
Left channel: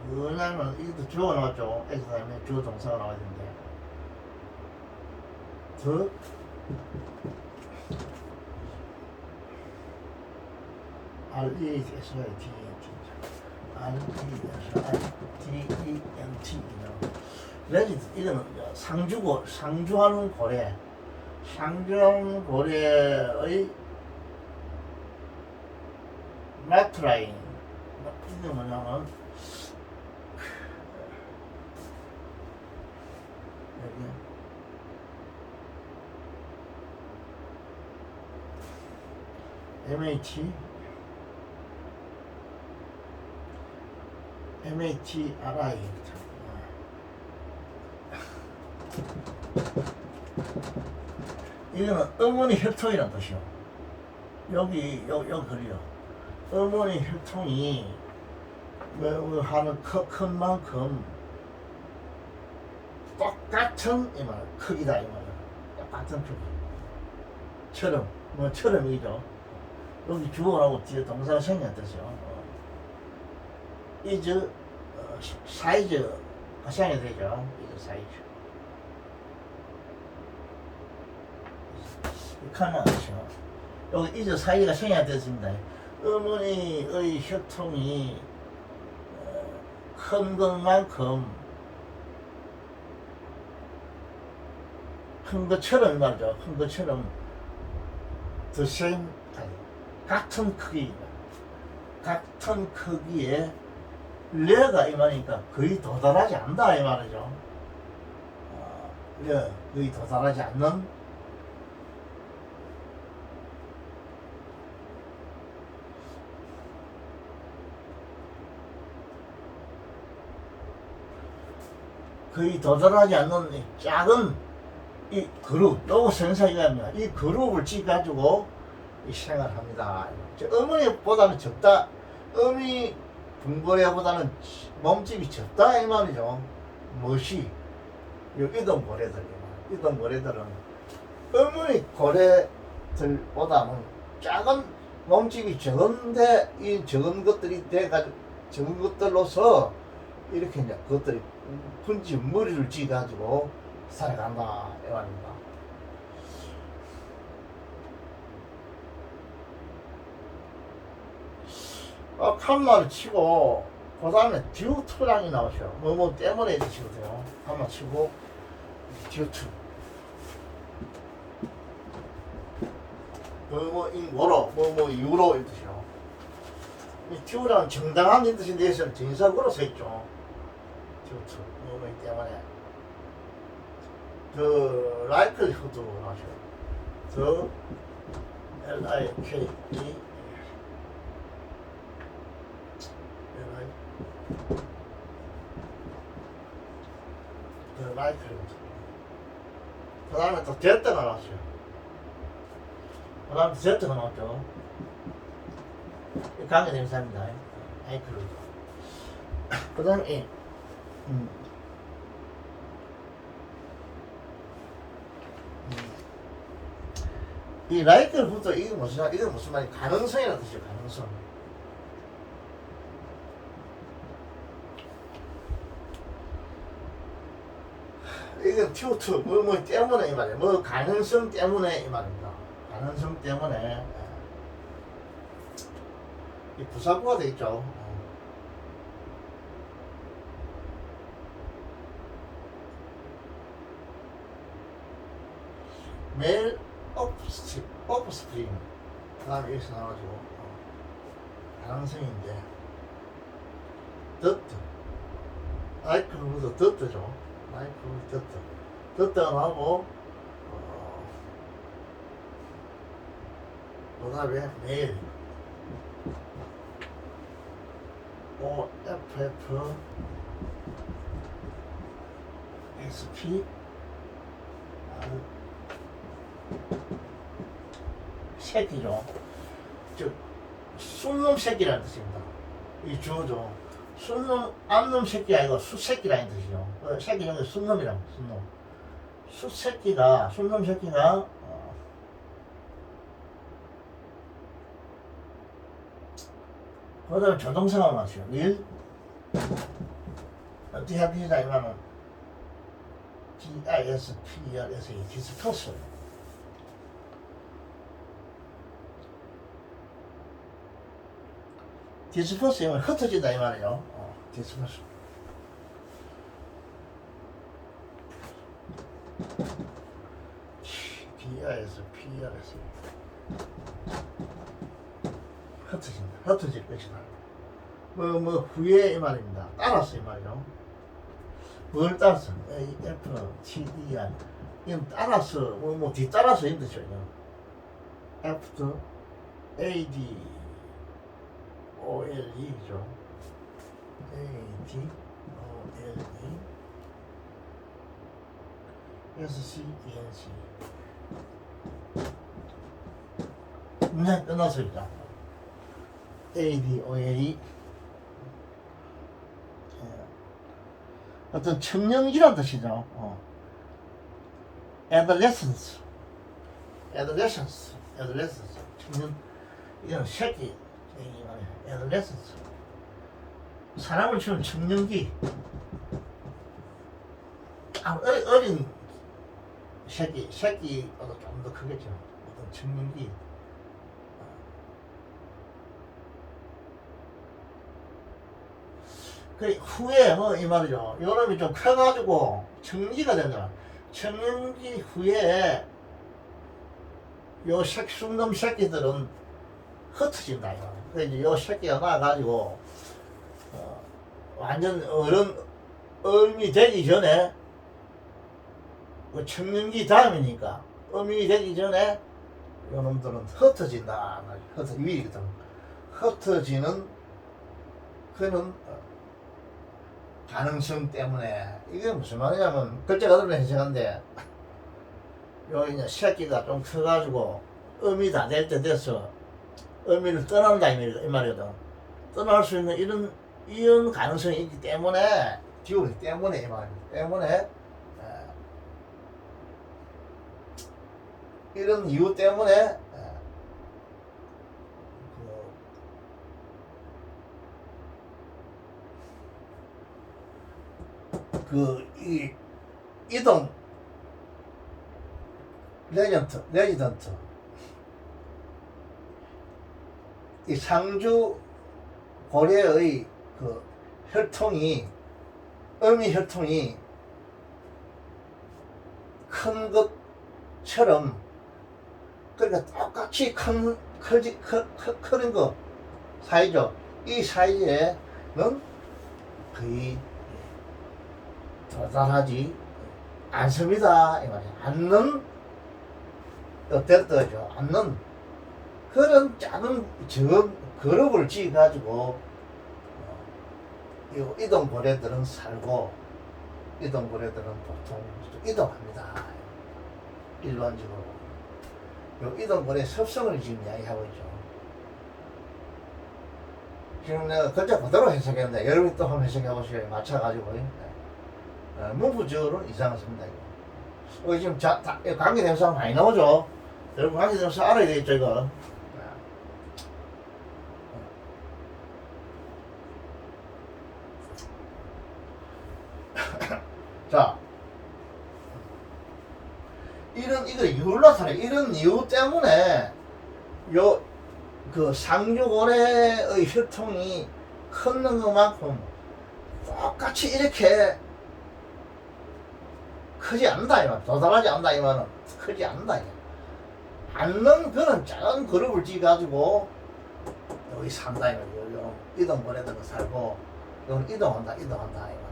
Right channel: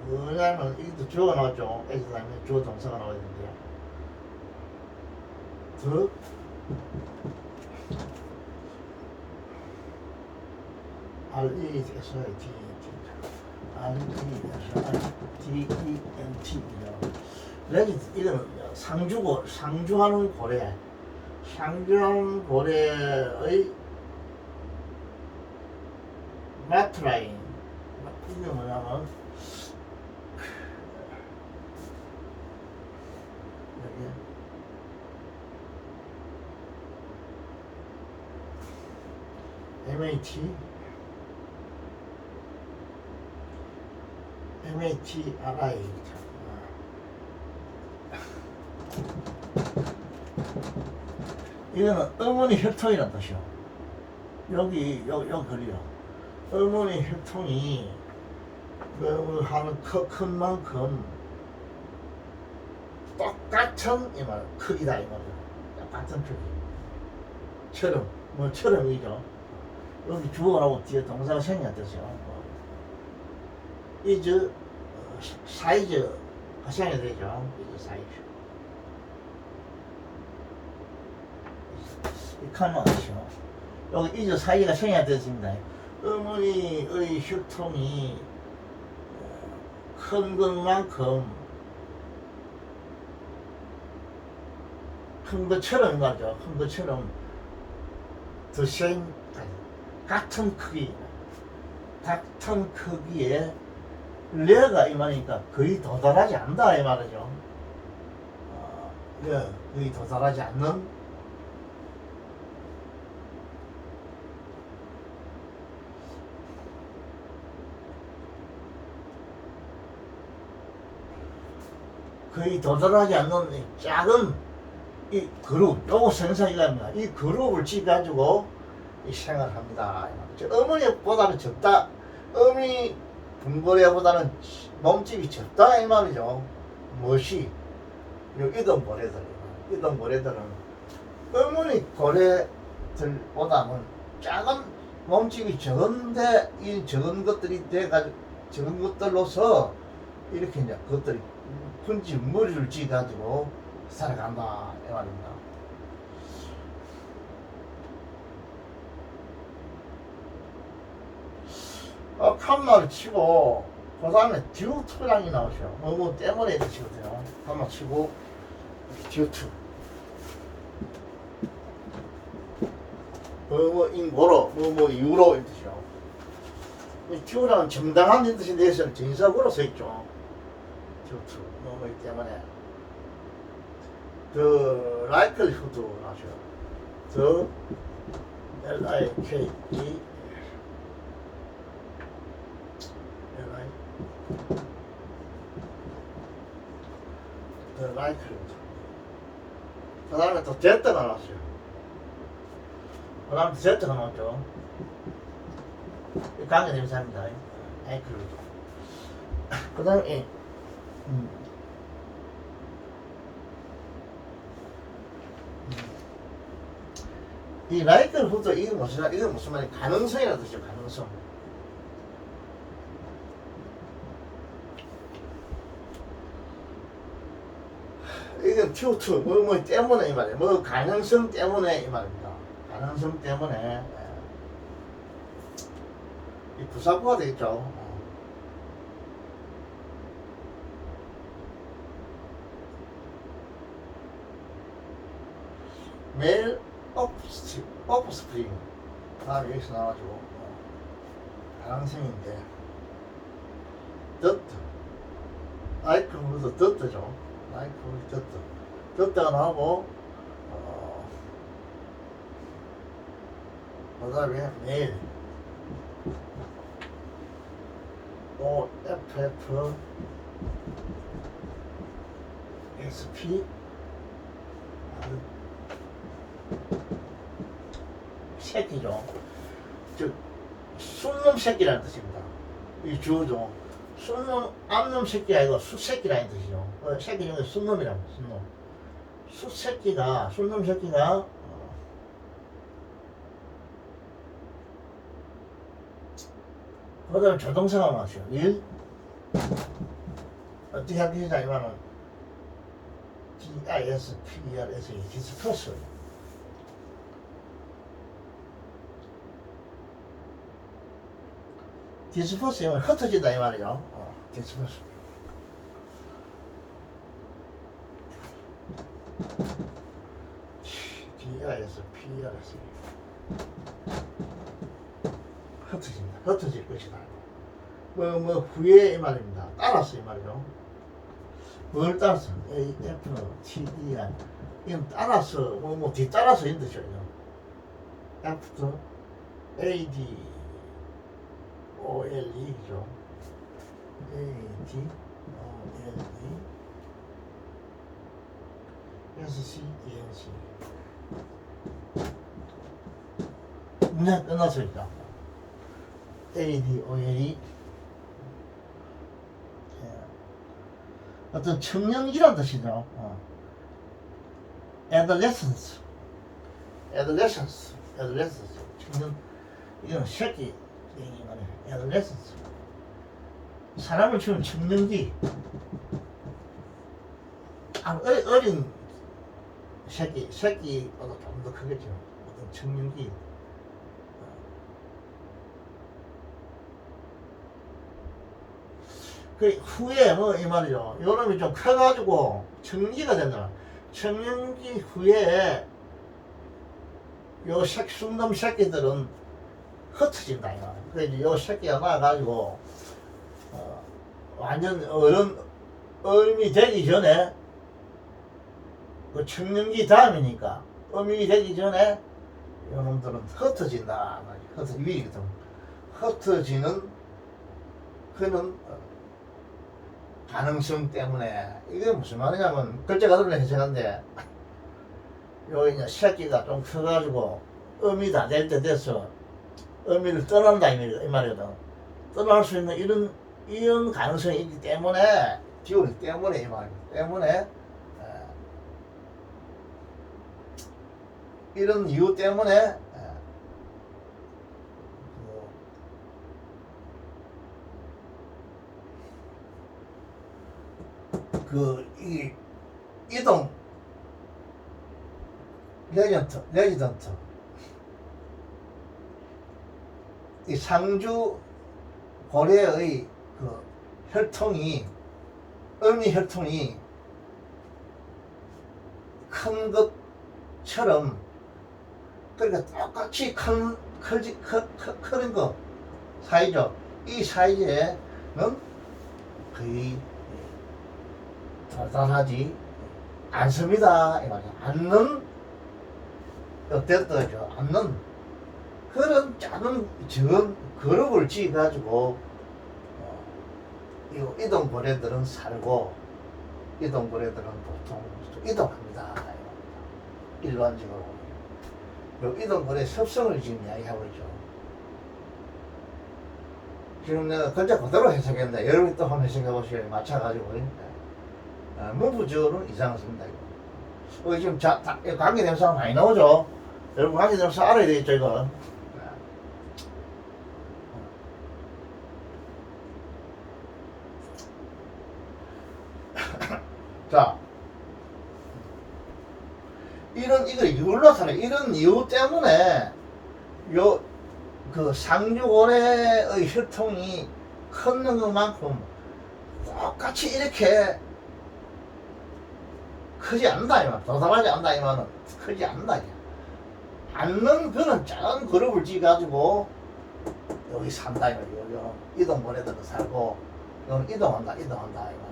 왜냐면 이것도 주어가 나왔죠. as 다음에 주어 동사가 나와야 되는데. The legend 이거는 상주고 상주하는 고래. 상주하는 고래의 마트라인 이게 뭐냐면 MAT MATRI 이거는 어머니 혈통이란 뜻이요. 여기 글이요. 어머니 혈통이 하는 큰 만큼 똑같은 이 말 크기다 이 말이요. 똑같은 크기. 처럼이죠. 여기 주어하고 뒤에 동사가 생략 뜻이요. is 사이즈가 생략 되죠. is 사이즈. 이칸은 뜻이요. 여기 is 사이즈가 생략 되었습니다. 어머니의 혈통이 큰 것만큼 큰 것처럼 말이죠. 큰 것처럼 the same 같은 크기 같은 크기에 레가 이 말이니까 거의 도달하지 않는다 이 말이죠. 거의 도달하지 않는 작은 이 그룹, 요거 생사기관입니다. 이 그룹을 찌가지고 생활합니다. 어머니보다는 적다. 어머니 분고래보다는 몸집이 적다 이 말이죠. 멋이 이동 고래들은 어머니 고래들보다는 작은 몸집이 적은데 이 적은 것들이 돼가지고 적은 것들로서 이렇게 이제 그것들이 분지 머리를 찌가지고 살아간다 이 말입니다. 칸마를 치고 그 다음에 듀투랑이 나오죠. 뭐 때문에 드시거든요. 칸마 치고 듀투 인고로 이유로 이 뜻이요. 듀랑은 정당한 뜻인데 여기서는 전사구로 써있죠. 듀투 뭐 때문에 the likelihood 나오죠. the LIKE the likelihood. 그 다음에 또 Z가 나왔어요. 그 다음에 Z가 나왔죠. 관계 대명사입니다. likelihood. 그 다음에 이 likelihood 이게 무슨 말이 가능성이라는 뜻이죠. 가능성. 이건 튜투 뭐 때문에 이 말이에요. 뭐 가능성 때문에 이 말입니다. 가능성 때문에 이 부사구가 되겠죠. 매일 오프스프링 다음에 여기서 나와가지고 가능성인데 더트 아이크로도 더트죠. 마이크로 더트가 나오고 그 다음에 매일 OFF SP 새끼죠. 즉 순놈 새끼라는 뜻입니다. 이 주어죠. 순놈 암놈 새끼가 아니고 수새끼라는 뜻이죠. 새끼 중에 순놈이랍니다. 순놈. 순놈 새끼가 그 다음에 조동사가 나왔어요. 일 어떻게 하겠냐 이거는 DISPERS 디스퍼스. 디스퍼스 이면 흩어진다 이 말이에요. 디스퍼스. DISPERS 흩어질 것이다. 후에 이 말입니다. 따라서 이 말이죠. 뭘 따라서? F, T, E, R. 이건 따라서, 뒤따라서 이 뜻이죠. ADOLE죠. ADOLE SCENC. 문제 끝났습니다. ADOLE 어떤 청년기란 뜻이죠. adolescence, 청년, 이건 새끼 얘기 말이야. adolescence, 사람을 치면 청년기, 어린 새끼보다 좀 더 크겠죠. 어떤 청년기. 그 후에 이 말이죠. 요놈이 좀 커가지고 청기가 된다. 청년기 후에 요 숙놈 새끼들은 흩어진다. 그 이제 요 새끼가 나가지고 완전 어른이 되기 전에 그 청년기 다음이니까 어민이 되기 전에 요 놈들은 흩어진다. 흩어지는 그는 가능성 때문에. 이게 무슨 말이냐면 글자가 들어는 해석한데 요 이제 새끼가 좀 커가지고 어미 다 될 때 돼서 어미를 떠난다 이 말이거든. 떠날 수 있는 이런 가능성이 있기 때문에 기운이 때문에 이 말입니다. 때문에 이런 이유 때문에 이 이동 레지던트 이 상주 고래의 그 혈통이 어미 혈통이 큰 것처럼 그러니까 똑같이 크는 거 사이죠. 이 사이즈에는 거의 도달하지 않습니다. 이 말이야. 않는 어땠더죠? 않는 그런 작은 적은 그룹을 지어 가지고 이동고래들은 살고 이동고래들은 보통 이동합니다. 일반적으로 요 이동고래 습성을 지금 이야기하고 있죠. 지금 내가 글자 그대로 해석했는데 여러분이 또 한번 해석해 보시고 맞춰가지고 문부적으로는 이상했습니다. 이거 지금 관계대명사 많이 나오죠. 여러분 관계대명사 알아야 되겠죠 이거. 자, 이거 이유를 나타내. 이런 이유 때문에 그 상주고래의 혈통이 컸는 것만큼 똑같이 이렇게 크지 않는다 이만, 도달하지 않는다 이만은 크지 않는다 이만. 않는 그런 작은 그룹을 지어가지고 여기 산다 이만. 이동고래들은 살고 여기는 이동한다 이만.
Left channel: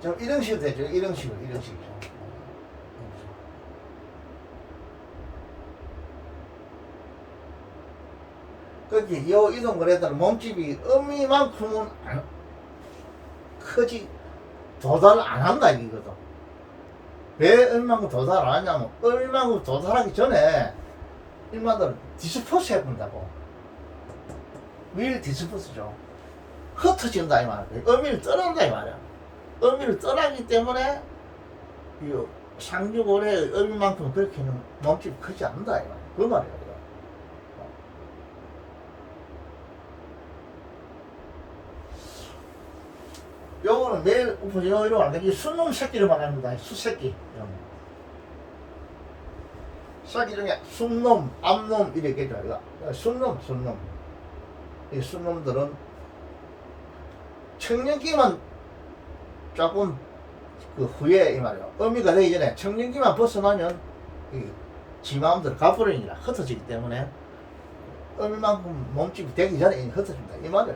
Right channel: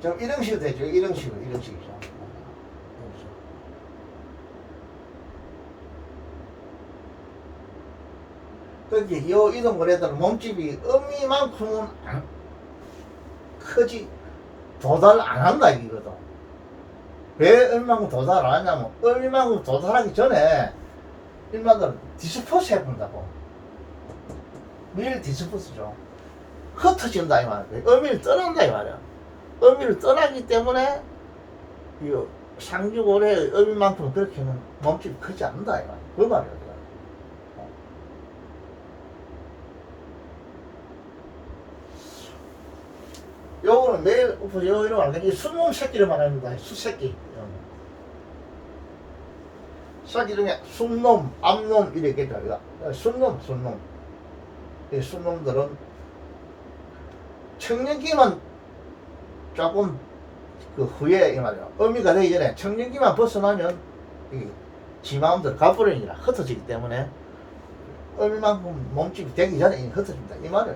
좀 이런 식으로 되죠. 이런 식이죠. 그렇게 요 이동거래들은 몸집이 어미만큼은 크지 도달 안 한다 이거든. 왜 얼마만큼 도달 안 하냐면 얼마만큼 도달하기 전에 일반적으로 디스포스 해본다고. 밀 디스포스죠. 흩어진다 이 말이야. 어미를 떠난다 이 말이야. 어미를 떠나기 때문에 이 상주고래의 어미만큼 그렇게는 몸집이 크지 않는다 이 말이야. 그 말이야. 요거는 내일 엎어지고 이러면 안 되지. 순놈 새끼를 말합니다. 수새끼. 새끼 중에 순놈, 암놈 이렇게 있죠. 순놈. 이 순놈들은 청년기만 조금 그 후에 이 말이야. 어미가 되기 전에 청년기만 벗어나면 이 지 마음대로 가버리니라 흩어지기 때문에 어미만큼 몸집이 되기 전에 이미 흩어진다 이 말이야.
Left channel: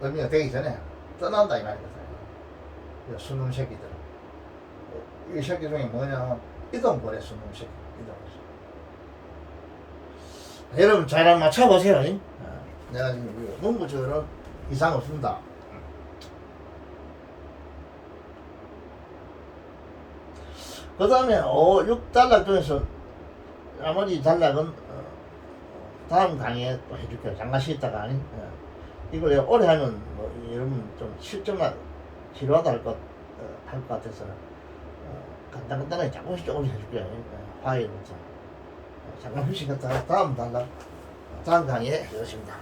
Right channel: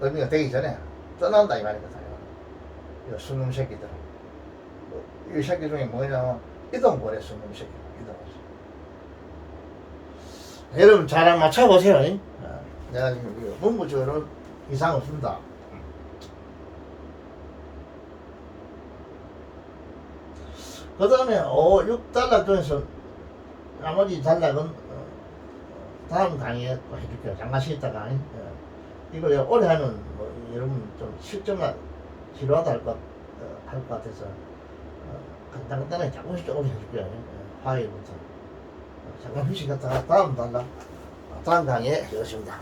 의미가 되기 전에 떠난다 이 말이거든요. 이 순놈 새끼들은 이 새끼 중에 뭐냐면 이동고래 순놈 새끼. 여러분 잘 맞춰보세요. 내가 지금 문구적으로 이상 없습니다. 그 다음에 6단락 중에서 나머지 단락은 다음 강의에 또 해줄게요. 잠깐 쉬었다가. 이걸 내가 오래 하면 뭐 여러분 좀 실점만 지루하다 할 것 같아서 간단하게 조금씩 해줄게요. 화요일부터. 잠깐 휴식 갔다가 다음 단락, 다음 강의에 해보겠습니다.